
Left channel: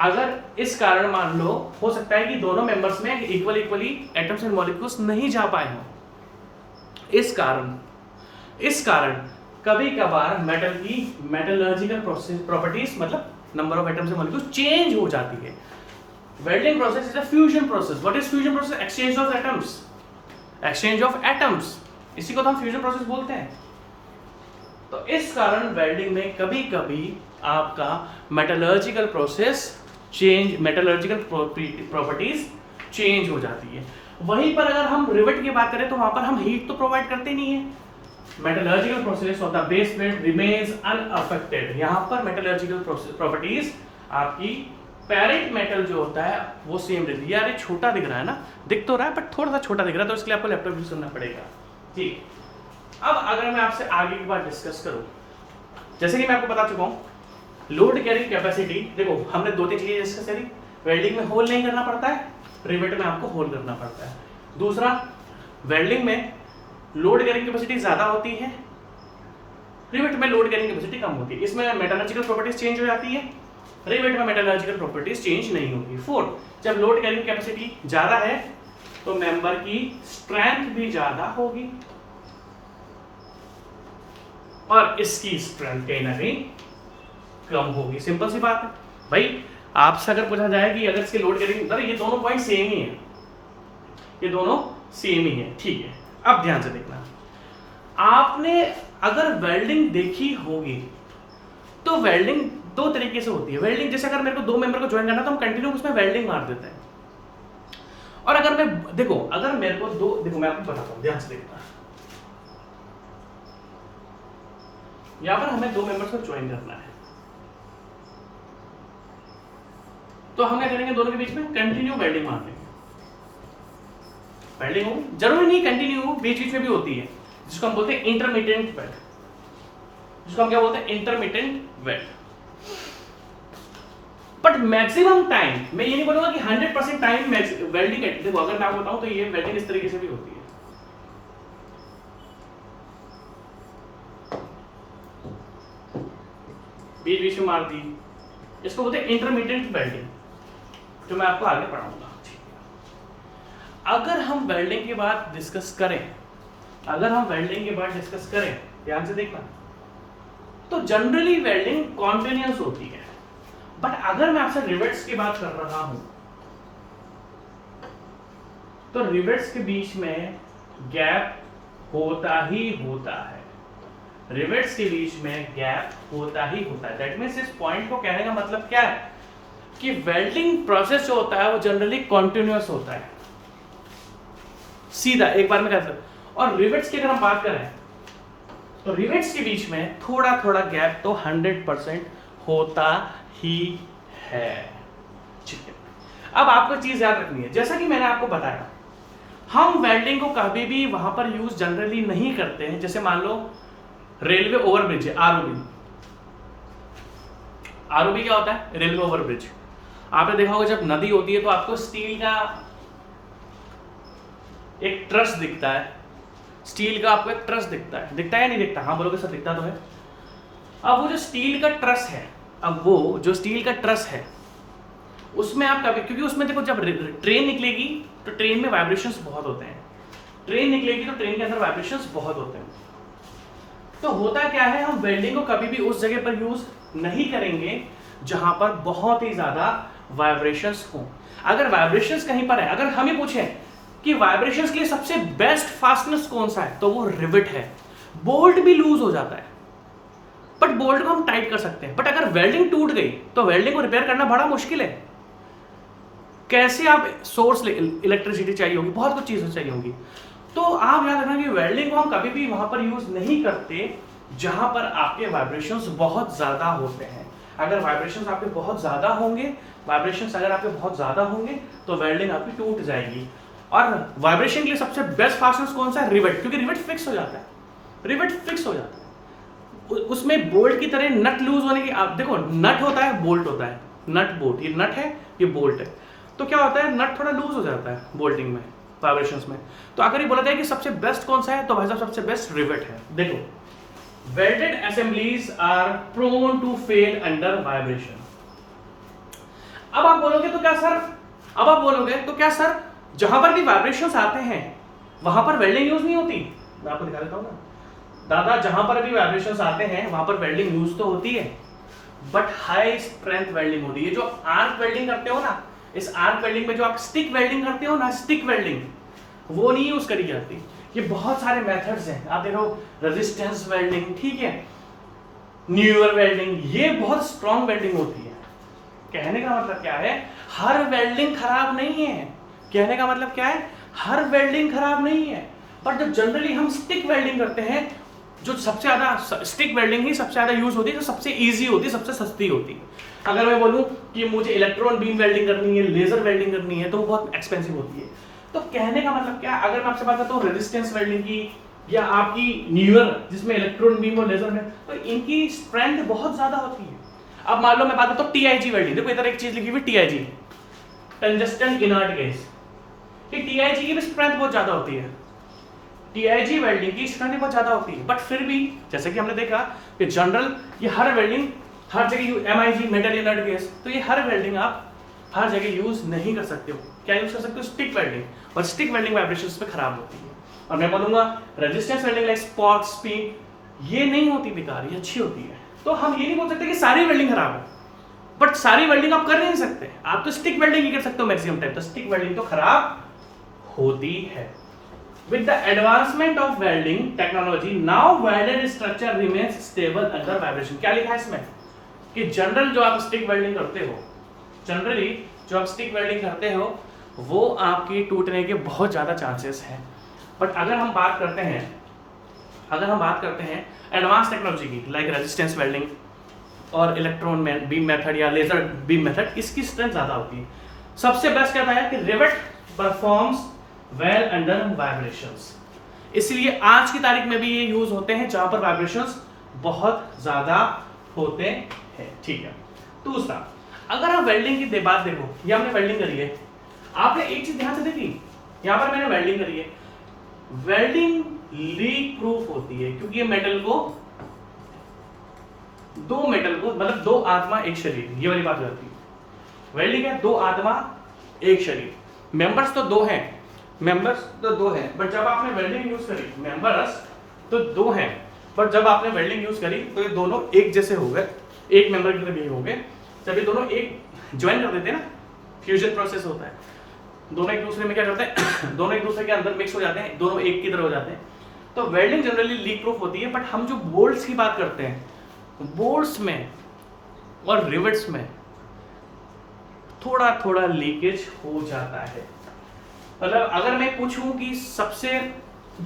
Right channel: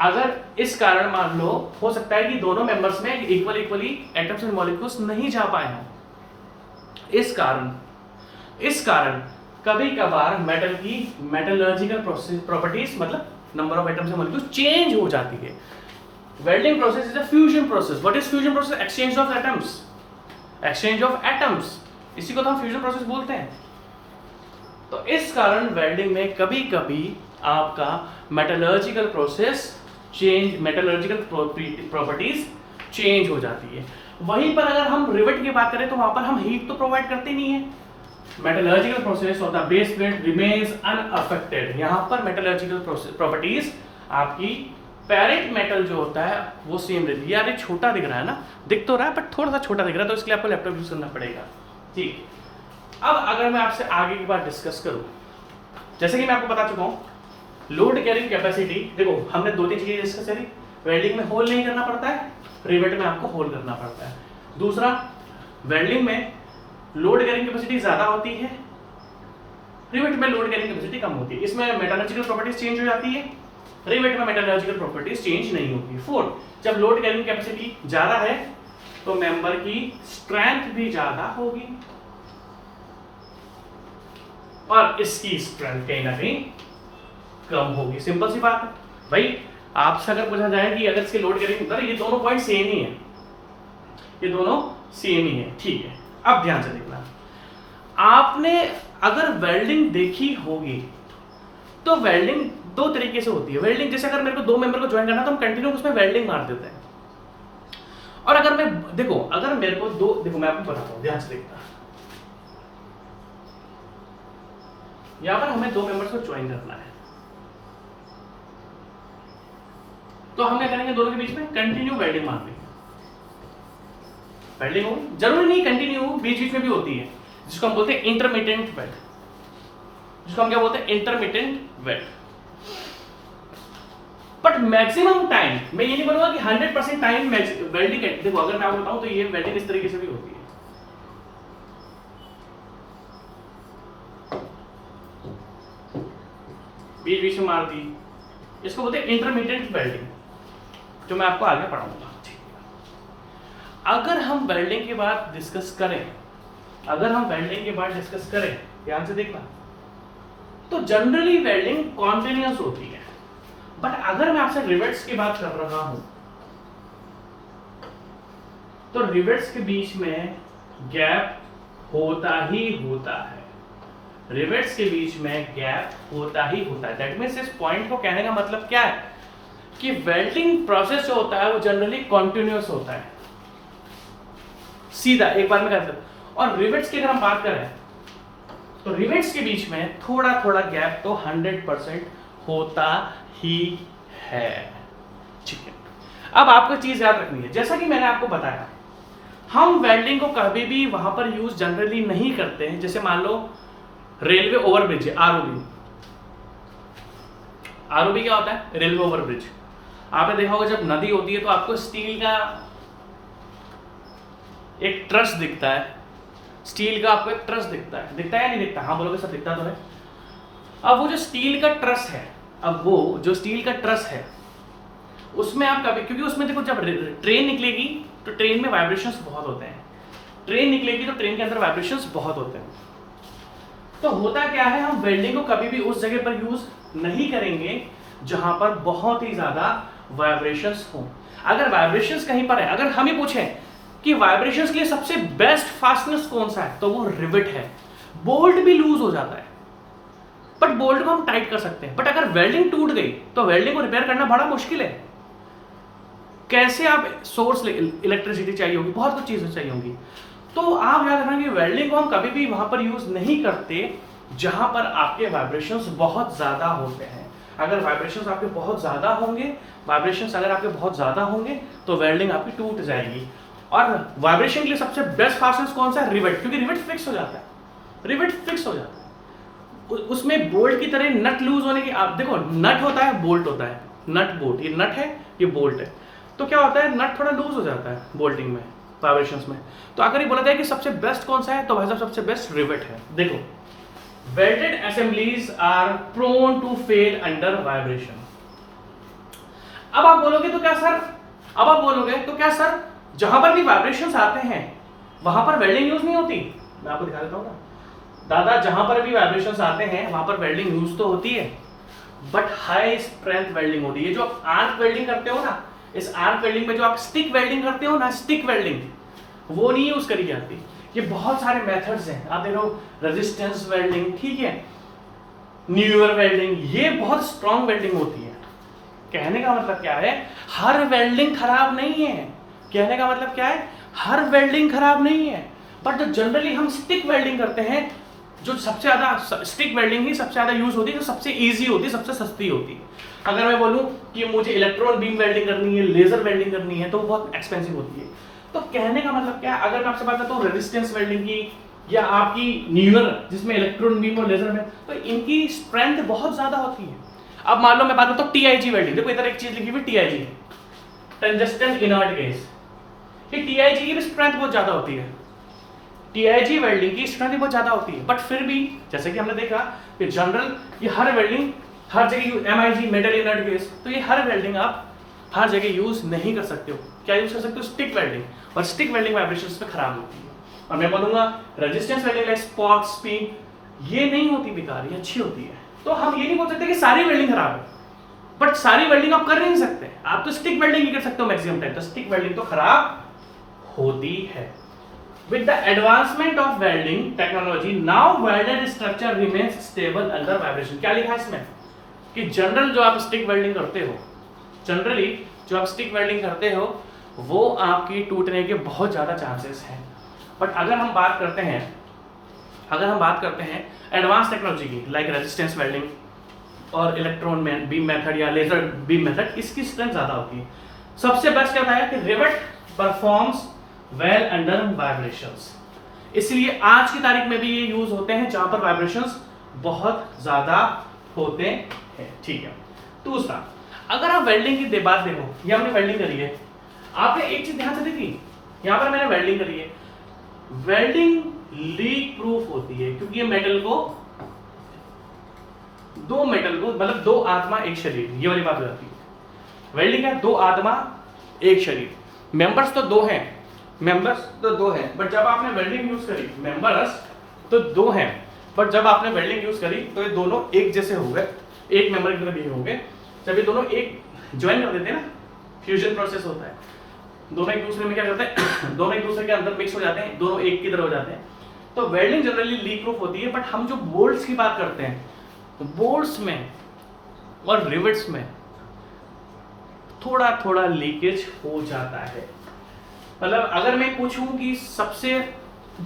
अगर इस कारण मान लो हो सकता है कि दोनों मेंबर्स में इक्वली एटम्स एंड मॉलिक्यूल्स नहीं जा पाए हों, इस कारण कभी कभार मेटल की मेटलर्जिकल प्रॉपर्टीज, मतलब number of atoms and molecules change हो जाती है। Welding process is a fusion process. What is fusion process? Exchange of atoms, exchange of atoms, इसी को तो हम फ्यूजन प्रोसेस बोलते हैं। तो इस कारण वेल्डिंग में कभी कभी आपका metallurgical process change, metallurgical properties change हो जाती है। वहीं पर अगर हम रिवेट की बात करें तो वहां पर हम हीट तो प्रोवाइड करते नहीं है, metallurgical process of the base plate remains unaffected. यहां पर मेटलर्जिकल प्रॉपर्टीज आपकी पैरेंट मेटल जो होता है वो सेम रहती है। यार ये छोटा दिख रहा है ना, दिख तो रहा है बट थोड़ा सा छोटा दिख रहा है, तो इसके लिए आपको लैपटॉप यूज करना पड़ेगा। ठीक, अब अगर मैं आपसे आगे की बात डिस्कस करूं, जैसे कि मैं आपको बता चुका हूं, लोड कैरिंग कैपेसिटी, देखो हमने दो तीन चीजें डिस्कस करी। वेल्डिंग में होल नहीं करना पड़ता है, रिवेट में आपको होल करना पड़ता है। दूसरा, वेल्डिंग में लोड कैरिंग कैपेसिटी ज्यादा होती है, रिवेट में लोड कैरिंग कैपेसिटी कम होती है। इसमें मेटलर्जिकल प्रॉपर्टीज चेंज हो जाती है, रिवेट में मेटलर्जिकल प्रॉपर्टीज चेंज नहीं होती। फोर्थ, जब लोड कैरिंग कैपेसिटी ज्यादा है तो मेंबर की स्ट्रेंथ भी ज्यादा होगी, और इसकी स्ट्रेंथ कहीं ना कहीं कम होगी। सिंपल सी बात है भाई। आपसे अगर पूछा जाए कि अगर इसके लोड कैरिंग, ये दोनों पॉइंट सेम ही है, ये दोनों सेम ही है, ठीक है। अब ध्यान से देखना, आपने अगर वेल्डिंग देखी होगी तो वेल्डिंग दो तरीके से होती है। वेल्डिंग जैसे अगर मेरे को दो मेंबर को ज्वाइन करना तो हम कंटिन्यू उसमें वेल्डिंग मार देते हैं, और अगर मैं देखो, अगर मेरे को दो, देखो मैं आपको बताता हूं, ध्यान से देखना, यहां पर हमें दो मेंबर्स को ज्वाइन करना है, तो हम क्या करेंगे, दोनों के बीच में कंटिन्यू वेल्डिंग मार देंगे। वेल्डिंग हो, जरूरी नहीं कंटिन्यू हो, बीच बीच में भी होती है, जिसको हम बोलते हैं इंटरमिटेंट वेल्ड, जिसको हम क्या बोलते हैं, intermittent weld. But maximum time, मैं ये नहीं बोलूंगा कि 100% टाइम वेल्डिंग है। देखो अगर मैं आपको बताऊं तो ये वेल्डिंग इस तरीके से भी होती है, बीच बीच में मार दी, इसको बोलते हैं इंटरमीडिएट वेल्डिंग, जो मैं आपको आगे पढ़ाऊंगा। अगर हम वेल्डिंग के बाद डिस्कस करें, ध्यान से देखना, तो जनरली वेल्डिंग कॉन्टिन्यूअस होती है। बट अगर मैं आपसे रिवेट्स की बात कर रहा हूं तो रिवेट्स के बीच में गैप होता ही होता है, रिवेट्स के बीच में गैप होता ही होता है। दैट मींस इस पॉइंट को कहने का मतलब क्या है कि वेल्डिंग प्रोसेस जो होता है वो जनरली कॉन्टिन्यूअस होता है, सीधा एक बार में कहते हैं। और रिवेट्स की अगर हम बात करें तो रिवेट्स के बीच में थोड़ा थोड़ा गैप तो 100% होता ही है, ठीक है। अब आपको चीज याद रखनी है, जैसा कि मैंने आपको बताया, हम वेल्डिंग को कभी भी वहां पर यूज जनरली नहीं करते हैं। जैसे मान लो रेलवे ओवरब्रिज है, आरओबी क्या होता है, रेलवे ओवरब्रिज। आपने देखा होगा जब नदी होती है तो आपको स्टील का एक ट्रस दिखता है, स्टील का आपको एक ट्रस दिखता है या नहीं दिखता? हाँ बोलोगे सर दिखता तो है। अब वो जो स्टील का ट्रस है, उसमें आप कभी, क्योंकि उसमें देखो जब ट्रेन निकलेगी तो ट्रेन में वाइब्रेशंस बहुत होते हैं, ट्रेन निकलेगी तो ट्रेन के अंदर वाइब्रेशंस बहुत होते हैं। तो होता क्या है, हम वेल्डिंग को कभी भी उस जगह पर यूज नहीं करेंगे जहां पर बहुत ही ज्यादा वाइब्रेशंस हो। अगर वाइब्रेशंस कहीं पर है, अगर हम ही पूछें कि वाइब्रेशंस के लिए सबसे बेस्ट फास्टनेस कौन सा है, तो वो रिवेट है। बोल्ट भी लूज हो जाता है बट बोल्ट को हम टाइट कर सकते हैं, बट अगर वेल्डिंग टूट गई तो वेल्डिंग को रिपेयर करना बड़ा मुश्किल है। कैसे आप सोर्स इलेक्ट्रिसिटी चाहिए होगी, बहुत कुछ चीजें चाहिए होंगी। तो आप याद रखना कि वेल्डिंग को हम कभी भी वहां पर यूज नहीं करते जहां पर आपके वाइब्रेशंस बहुत ज्यादा होते हैं। अगर वाइब्रेशंस आपके बहुत ज्यादा होंगे, वाइब्रेशंस अगर आपके बहुत ज्यादा होंगे तो वेल्डिंग आपकी टूट जाएगी। और वाइब्रेशन के लिए सबसे बेस्ट फास्टनर कौन सा है? रिवेट, क्योंकि रिवेट फिक्स हो जाता है, रिवेट फिक्स हो जाता है। उसमें बोल्ट की तरह नट लूज होने की, आप देखो नट होता है, बोल्ट होता है, नट बोल्ट, ये नट है, ये बोल्ट है। तो क्या होता है, नट थोड़ा लूज हो जाता है बोल्टिंग में, वाइब्रेशंस में। तो अगर ये बोला जाए कि सबसे बेस्ट कौन सा है, तो भाई साहब सबसे बेस्ट रिवेट है। देखो, welded assemblies are prone to fail under vibration. अब आप बोलोगे तो क्या सर, अब आप बोलोगे तो क्या सर, जहां पर भी वाइब्रेशंस आते हैं वहां पर वेल्डिंग यूज नहीं होती? मैं आपको दिखा देता हूं ना दादा, जहां पर भी वाइब्रेशंस आते हैं वहां पर वेल्डिंग यूज तो होती है, बट हाई स्ट्रेंथ वेल्डिंग होती है। जो आर्क वेल्डिंग करते हो ना, इस आर्क वेल्डिंग में जो आप स्टिक वेल्डिंग करते हो ना, स्टिक वेल्डिंग, वो नहीं यूज करी जाती। ये बहुत सारे मेथड्स हैं, आप देखो, रेजिस्टेंस वेल्डिंग, ठीक है, न्यूअर वेल्डिंग, ये बहुत स्ट्रॉन्ग वेल्डिंग होती है। कहने का मतलब क्या है, हर वेल्डिंग खराब नहीं है। कहने का मतलब क्या है, हर वेल्डिंग खराब नहीं है, बट जो जनरली हम स्टिक वेल्डिंग करते हैं, जो सबसे ज्यादा स्टिक वेल्डिंग ही सबसे ज्यादा यूज होती है, जो सबसे इजी होती है, सबसे सस्ती होती है। अगर मैं बोलूं कि मुझे इलेक्ट्रॉन बीम वेल्डिंग करनी है, लेजर वेल्डिंग करनी है, तो वो बहुत एक्सपेंसिव होती है। तो कहने का मतलब क्या है, अगर मैं आपसे बात करता हूँ रेजिस्टेंस वेल्डिंग की या आपकी न्यूअर जिसमें इलेक्ट्रॉन बीम और लेजर में, तो इनकी स्ट्रेंथ बहुत ज्यादा होती है। अब मान लो मैं बात करता हूँ टीआईजी वेल्डिंग, देखो इधर एक चीज लिखी हुई टीआईजी, टंजस्टन इनर्ट गैस, टीआईजी की भी स्ट्रेंथ बहुत ज्यादा होती है, टीआईजी वेल्डिंग की स्ट्रेंथ बहुत ज्यादा होती है। बट फिर भी जैसे कि हमने देखा कि जनरल ये हर वेल्डिंग हर जगह, एमआईजी मेटल इनर्ट गैस, तो ये हर वेल्डिंग आप हर जगह यूज नहीं कर सकते हो। क्या यूज कर सकते हो? स्टिक वेल्डिंग, और स्टिक वेल्डिंग वाइब्रेशंस पे खराब होती है। और मैं बोलूंगा resistance welding like spot speed, ये नहीं होती बेकार, ये अच्छी होती है। तो हम ये नहीं बोल सकते कि सारी वेल्डिंग खराब है, बट सारी वेल्डिंग आप कर नहीं सकते, आप तो स्टिक वेल्डिंग ही कर सकते हो मैक्सिमम टाइम, तो स्टिक वेल्डिंग तो खराब होती है। With the advancement of welding technology, now welded structure remains stable under vibration. क्या लिखा है इसमें कि जनरल जो आप स्टिक वेल्डिंग करते हो, जनरली जो आप स्टिक वेल्डिंग करते हो वो आपकी टूटने के बहुत ज़्यादा चांसेस हैं। बट अगर हम बात करते हैं, अगर हम बात करते हैं एडवांस टेक्नोलॉजी की, लाइक रेजिस्टेंस वेल्डिंग और इलेक्ट्रॉन में बीम मेथड या लेजर बीम मेथड, इसकी स्ट्रेंथ ज़्यादा होती है। सबसे बेस्ट क्या है कि rivet performs well under vibrations, इसलिए आज की तारीख में भी ये यूज होते हैं जहां पर वाइब्रेशंस बहुत ज्यादा होते हैं। ठीक है, दूसरा, अगर आप वेल्डिंग की बात देखो, ये हमने वेल्डिंग करी है, आपने एक चीज ध्यान से देखी, यहां पर मैंने वेल्डिंग करी है, वेल्डिंग लीक प्रूफ होती है, क्योंकि ये मेटल को मतलब दो आत्मा एक शरीर, ये वाली बात हो जाती है। वेल्डिंग है दो आत्मा एक शरीर, मेंबर्स तो दो हैं, मेंबर्स तो दो हैं, बट जब आपने वेल्डिंग यूज करी, मेंबर्स तो दो हैं, बट जब आपने वेल्डिंग यूज करी तो ये दोनों एक जैसे हो गए, एक मेंबर की तरह हो गए। जब ये दोनों एक ज्वाइन कर देते हैं ना, फ्यूजन प्रोसेस होता है, दोनों एक दूसरे में क्या करते हैं दोनों एक दूसरे के अंदर मिक्स हो जाते हैं, दोनों एक की तरह हो जाते हैं। तो वेल्डिंग जनरली लीक प्रूफ होती है, बट हम जो बोल्ट्स की बात करते हैं, तो बोल्ट्स में और रिवेट्स में थोड़ा थोड़ा लीकेज हो जाता है। मतलब अगर मैं पूछूं कि सबसे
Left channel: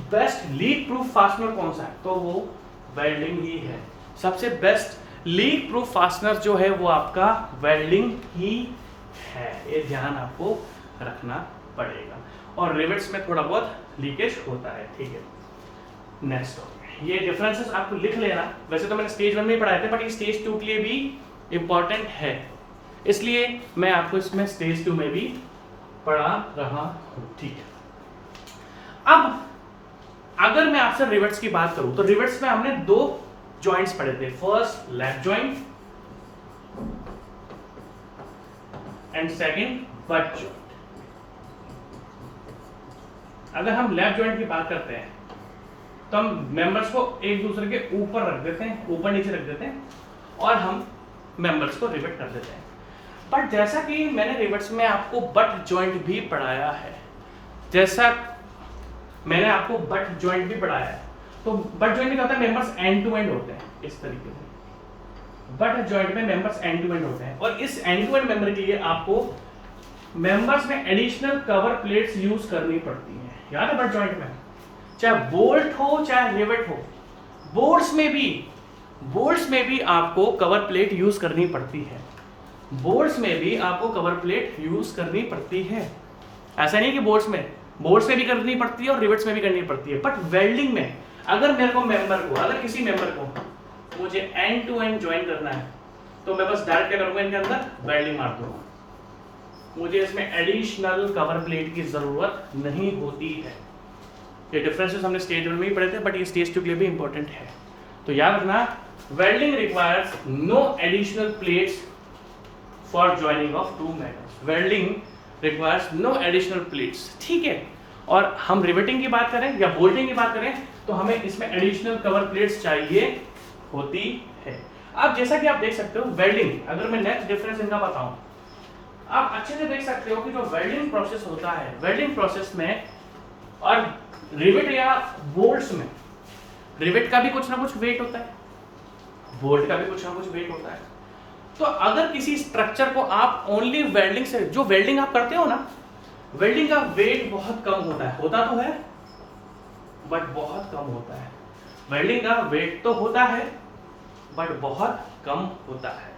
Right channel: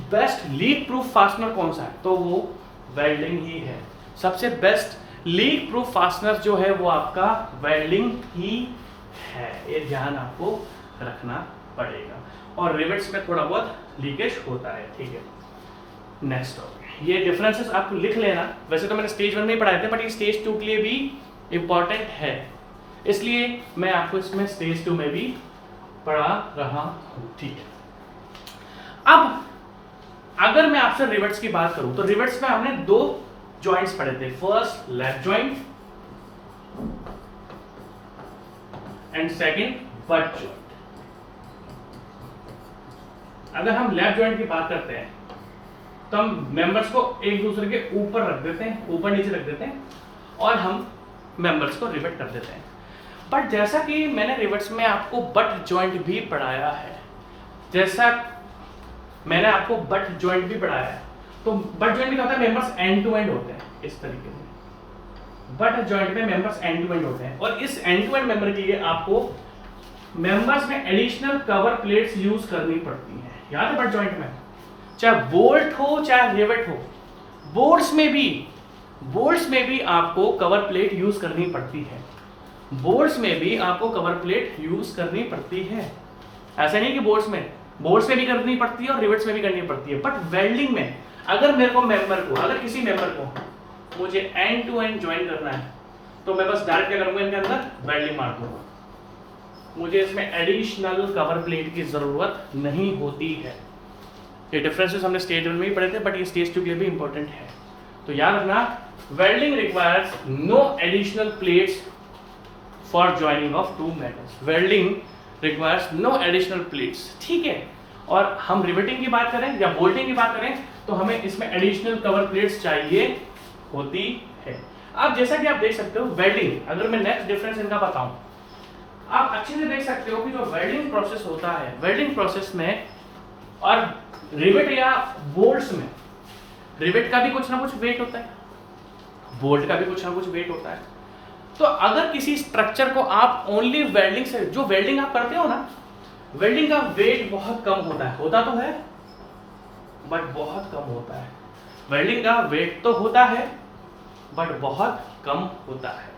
बेस्ट लीक प्रूफ फास्टनर कौन सा है, तो वो वेल्डिंग ही है। सबसे बेस्ट लीक प्रूफ फास्टनर जो है वो आपका वेल्डिंग ही है, ये ध्यान आपको रखना पड़ेगा। और रिवेट्स में थोड़ा बहुत लीकेज होता है। ठीक है, नेक्स्ट टॉपिक, ये डिफरेंसेस आप लिख लेना। वैसे तो मैंने स्टेज 1 में पढ़ाए थे, बट ये स्टेज 2 के लिए भी इंपॉर्टेंट है, इसलिए मैं आपको इसमें स्टेज 2 में भी पढ़ा रहा हूं। ठीक है, अब अगर मैं आपसे रिवेट्स की बात करूं, तो रिवेट्स में हमने दो जॉइंट्स पढ़े थे, first left joint and second butt joint. अगर हम लेफ्ट जॉइंट की बात करते हैं तो हम मेंबर्स को एक दूसरे के ऊपर रख देते हैं, ऊपर नीचे रख देते हैं, और हम मेंबर्स को रिवेट कर देते हैं। बट जैसा कि मैंने रिवेट्स में आपको बट जॉइंट भी पढ़ाया है, जैसा मैंने आपको बट जॉइंट भी पढ़ाया है, तो बट जॉइंट में क्या होता है, मेंबर्स एंड टू एंड होते हैं इस तरीके से। बट जॉइंट में मेंबर्स एंड टू एंड होते हैं, और इस एंड टू एंड मेंबर के लिए आपको मेंबर्स में एडिशनल कवर प्लेट्स यूज करनी पड़ती हैं। याद है बट जॉइंट में चाहे बोल्ट हो चाहे रिवेट हो, बोल्ट्स में भी आपको कवर प्लेट यूज करनी पड़ती है, बोल्ट्स में भी आपको कवर प्लेट यूज करनी पड़ती है। ऐसे नहीं कि बोल्ट्स में भी करनी पड़ती है और रिवेट्स में भी करनी पड़ती है, बट वेल्डिंग में अगर मेरे को अगर किसी मेंबर को मुझे एंड टू एंड ज्वाइन करना है तो मैं बस डायरेक्ट क्या करूंगा, इनके अंदर वेल्डिंग मार दूंगा, मुझे इसमें एडिशनल कवर प्लेट की जरूरत नहीं होती है। ये डिफरेंसेस हमने स्टेज 1 में ही पढ़े थे, बट ये स्टेज 2 के लिए भी इंपॉर्टेंट है। तो याद रखना, welding requires no additional plates for joining of two metals, welding requires no additional plates, ठीक है। और हम रिवेटिंग की बात करें या बोल्टिंग की बात करें तो हमें इसमें एडिशनल कवर प्लेट्स चाहिए होती है। अब जैसा कि आप देख सकते हो वेल्डिंग, अगर मैं नेक्स्ट डिफरेंस इनका बताऊं, आप अच्छे से देख सकते हो कि जो वेल्डिंग प्रोसेस होता है, वेल्डिंग प्रोसेस में और रिवेट या बोल्ट्स में, रिवेट का भी कुछ ना कुछ वेट होता है, बोल्ट का भी कुछ ना कुछ वेट होता है। तो अगर किसी स्ट्रक्चर को आप ओनली वेल्डिंग से, जो वेल्डिंग आप करते हो ना, वेल्डिंग का वेट बहुत कम होता है, होता तो है बट बहुत कम होता है। वेल्डिंग का वेट तो होता है बट बहुत कम होता है।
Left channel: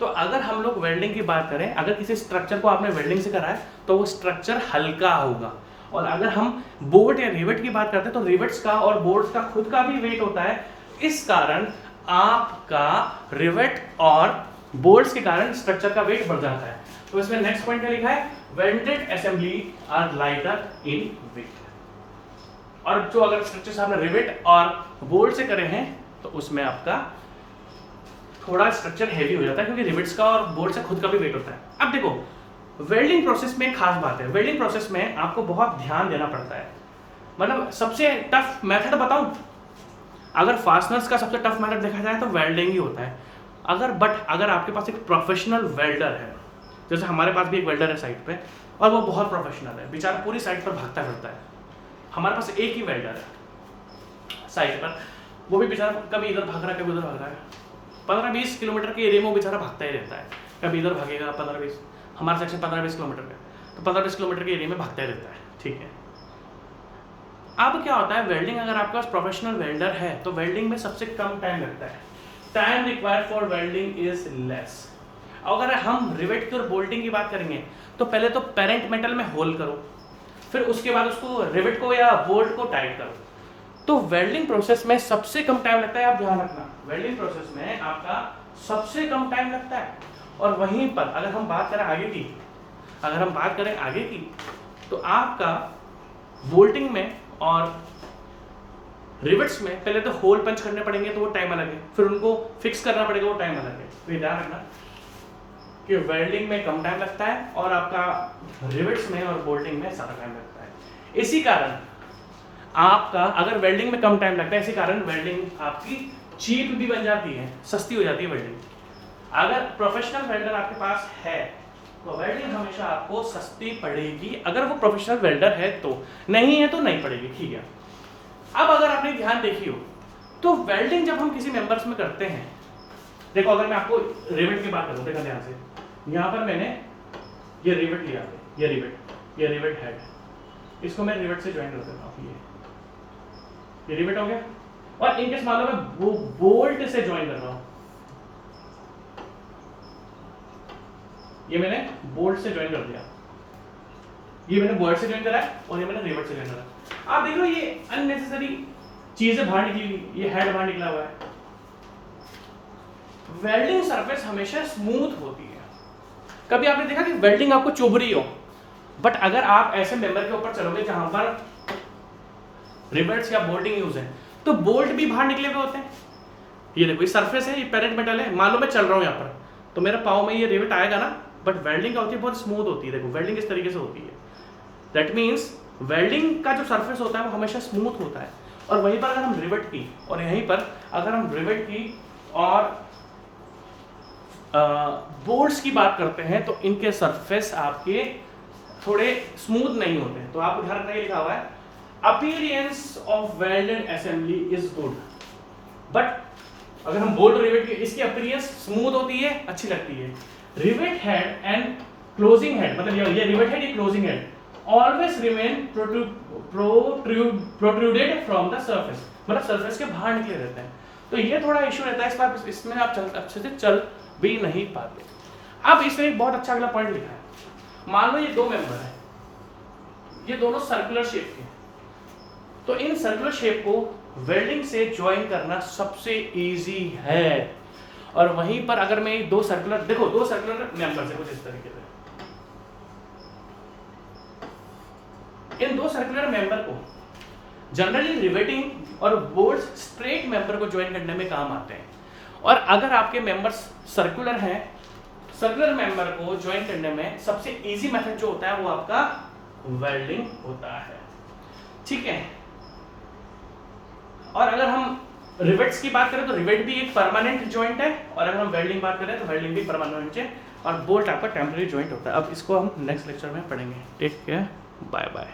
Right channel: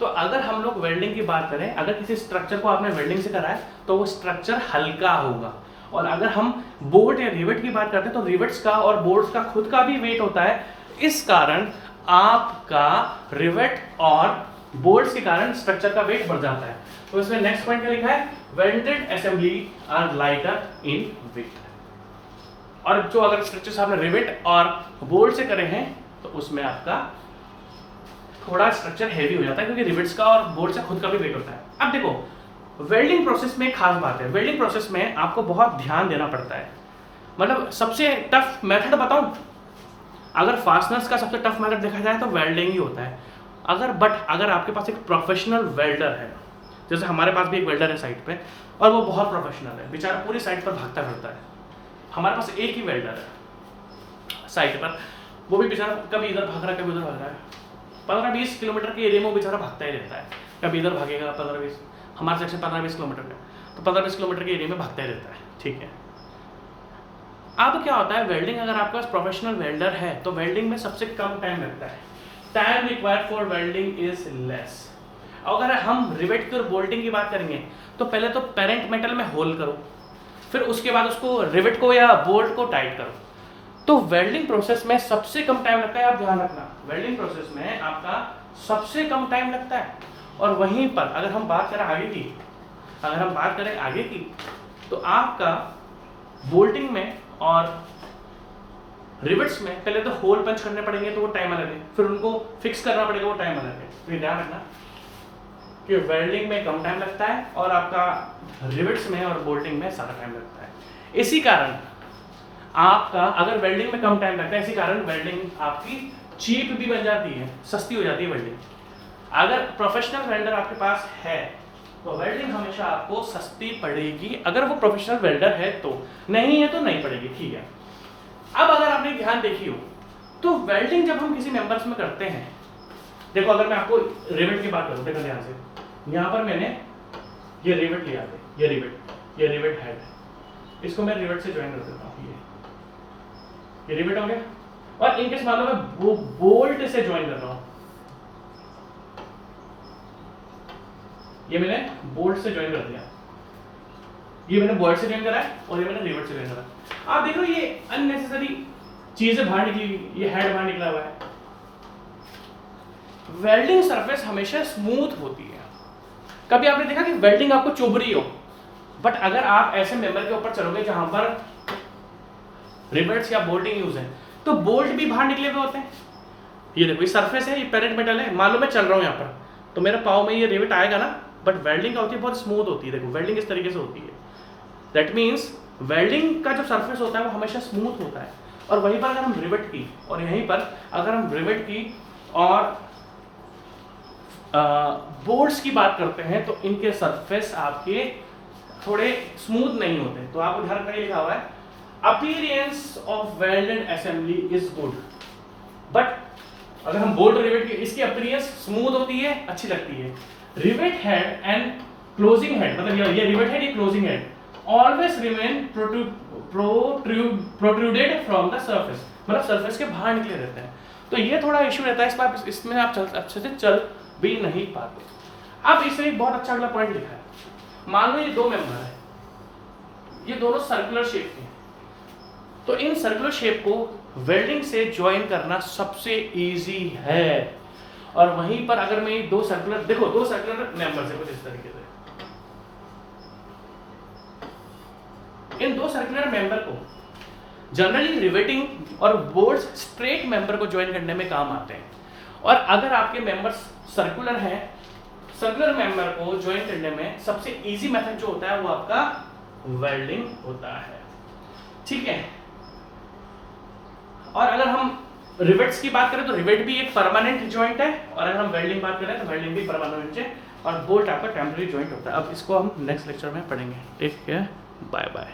तो अगर हम लोग वेल्डिंग की बात करें, अगर किसी स्ट्रक्चर को आपने वेल्डिंग से करा है तो वो स्ट्रक्चर हल्का होगा। और अगर हम बोल्ट या रिवेट की बात करते हैं तो रिवेट्स का और बोल्ट्स का खुद का भी वेट होता है, इस कारण आपका रिवेट और बोल्ट्स के कारण स्ट्रक्चर का वेट बढ़ जाता है। तो इसमें नेक्स्ट पॉइंट में लिखा है welded assembly are lighter in weight. और जो अगर स्ट्रक्चर आपने रिवेट और बोल्ट से करे हैं तो उसमें आपका थोड़ा स्ट्रक्चर हेवी हो जाता है, क्योंकि रिवेट्स का और बोल्ट से खुद का भी वेट होता है। अब देखो वेल्डिंग प्रोसेस में खास बात है, वेल्डिंग प्रोसेस में आपको बहुत ध्यान देना पड़ता है। मतलब सबसे टफ मेथड बताऊं, अगर फास्टनर्स का सबसे टफ मेथड देखा जाए तो वेल्डिंग ही होता है। अगर आपके पास एक प्रोफेशनल वेल्डर है, जैसे हमारे पास भी एक वेल्डर है साइट पे, और वो बहुत प्रोफेशनल है, बेचारा पूरी साइट पर भागता फिरता है। हमारे पास एक ही वेल्डर है साइट पर, वो भी बेचारा कभी इधर भाग रहा है कभी उधर भाग रहा है, 15-20 किलोमीटर के एरिया में वो बेचारा भागता ही रहता है, कभी इधर भागेगा 15-20, हमारे सेक्शन 15-20 किलोमीटर का, तो 15-20 किलोमीटर के एरिया में भागता ही रहता है, ठीक है। अब क्या होता है, वेल्डिंग अगर आपके पास प्रोफेशनल वेल्डर है तो वेल्डिंग में सबसे कम टाइम लगता है, time required for welding is less. अगर हम रिवेट की और बोल्टिंग की बात करेंगे तो पहले तो पेरेंट मेटल में होल करो, फिर उसके बाद उसको रिवेट को या बोल्ट को टाइट करो। तो वेल्डिंग प्रोसेस में सबसे कम टाइम लगता है, आप ध्यान रखना, वेल्डिंग प्रोसेस में आपका सबसे कम टाइम लगता है। और वहीं पर अगर हम बात करें आगे की, तो आपका बोल्टिंग में और रिवेट्स में पहले तो होल पंच करने पड़ेंगे तो वो टाइम अलग है, फिर उनको फिक्स करना पड़ेगा, वो टाइम अलग है। तो ध्यान रखना कि वेल्डिंग में कम टाइम लगता है और आपका रिवेट्स में और बोल्टिंग में ज़्यादा टाइम लगता है। इसी कारण आपका अगर वेल्डिंग में कम टाइम लगता है, इसी कारण वेल्डिंग आपकी चीप भी बन जाती है, सस्ती हो जाती है वेल्डिंग। अगर प्रोफेशनल वेल्डर आपके पास है तो वेल्डिंग हमेशा आपको सस्ती पड़ेगी, अगर वो प्रोफेशनल वेल्डर है तो, नहीं है तो नहीं पड़ेगी, ठीक है। अब अगर आपने ध्यान देखी हो तो वेल्डिंग जब हम किसी मेंबर्स में करते हैं, देखो अगर मैं आपको रिवेट की बात करूं, देखो ध्यान से, यहाँ पर मैंने ये रिवेट लिया है, ये रिवेट हेड, इसको मैं रिवेट से ज्वाइन कर देता हूँ, ये रिवेट हो गया। और इनकेस मान लो मैं बोल्ट से ज्वाइन कर रहा हूँ, ये मैंने बोल्ट से ज्वाइन कर दिया, ये मैंने बोल्ट से ज्वाइन करा है और ये मैंने रिवेट से ज्वाइन करा है। आप देख लो ये अननेसेसरी चीजें बाहर निकली हुई, ये हेड बाहर निकला हुआ है। वेल्डिंग सरफेस हमेशा स्मूथ होती है। कभी आपने देखा कि वेल्डिंग आपको चुभ रही हो, बट अगर आप ऐसे मेंबर के ऊपर चलोगे जहां पर रिवेट्स या बोल्टिंग यूज है तो बोल्ट भी बाहर निकले हुए होते हैं। ये देखो ये सरफेस है, ये पेरेंट मेटल है, मान लो मैं चल रहा हूं यहाँ पर तो मेरे पाँव में ये रिवेट आएगा ना, बट वेल्डिंग का होती है बहुत स्मूथ होती है। देखो वेल्डिंग इस तरीके से होती है, दैट मीन्स वेल्डिंग का जो सरफेस होता है वो हमेशा स्मूथ होता है। और वहीं पर अगर हम रिवेट की और यहीं पर अगर हम रिवेट की और बोल्ट्स की बात करते हैं तो इनके सरफेस आपके थोड़े स्मूथ नहीं होते। तो आपको ध्यान रखना, लिखा हुआ है appearance of welded assembly is good, but अगर हम बोल्ट रिवेट की, इसकी अपीयरेंस स्मूथ होती है, अच्छी लगती है। Rivet head and closing head, मतलब ये रिवेट हेड, ये closing head always remain protruded from the surface, मतलब सरफेस के बाहर निकले रहते हैं। तो ये थोड़ा इशू रहता है, इसमें आप अच्छे से चल भी नहीं पाते। अब इसने एक बहुत अच्छा अगला पॉइंट लिखा है, मान लो ये दो मेंबर है, ये दोनों सर्कुलर शेप के, तो इन सर्कुलर शेप को वेल्डिंग से ज्वाइन करना सबसे इजी है। और वहीं पर अगर मैं दो सर्कुलर, देखो दो सर्कुलर मेंबर्स है कुछ इस तरीके से, इन दो सर्कुलर मेंबर को जनरली रिवेटिंग और बोल्ट्स स्ट्रेट मेंबर को ज्वाइन करने में काम आते हैं। और अगर आपके मेंबर्स सर्कुलर हैं, सर्कुलर मेंबर को ज्वाइन करने में सबसे इजी मेथड जो होता है वो आपका वेल्डिंग होता है, ठीक है। और अगर हम रिवेट्स की बात करें तो रिवेट भी एक परमानेंट जॉइंट है, और अगर हम वेल्डिंग बात करें तो वेल्डिंग भी परमानेंट है, और बोल्ट आपका टेम्पररी जॉइंट होता है। अब इसको हम नेक्स्ट लेक्चर में पढ़ेंगे। Take care, bye bye.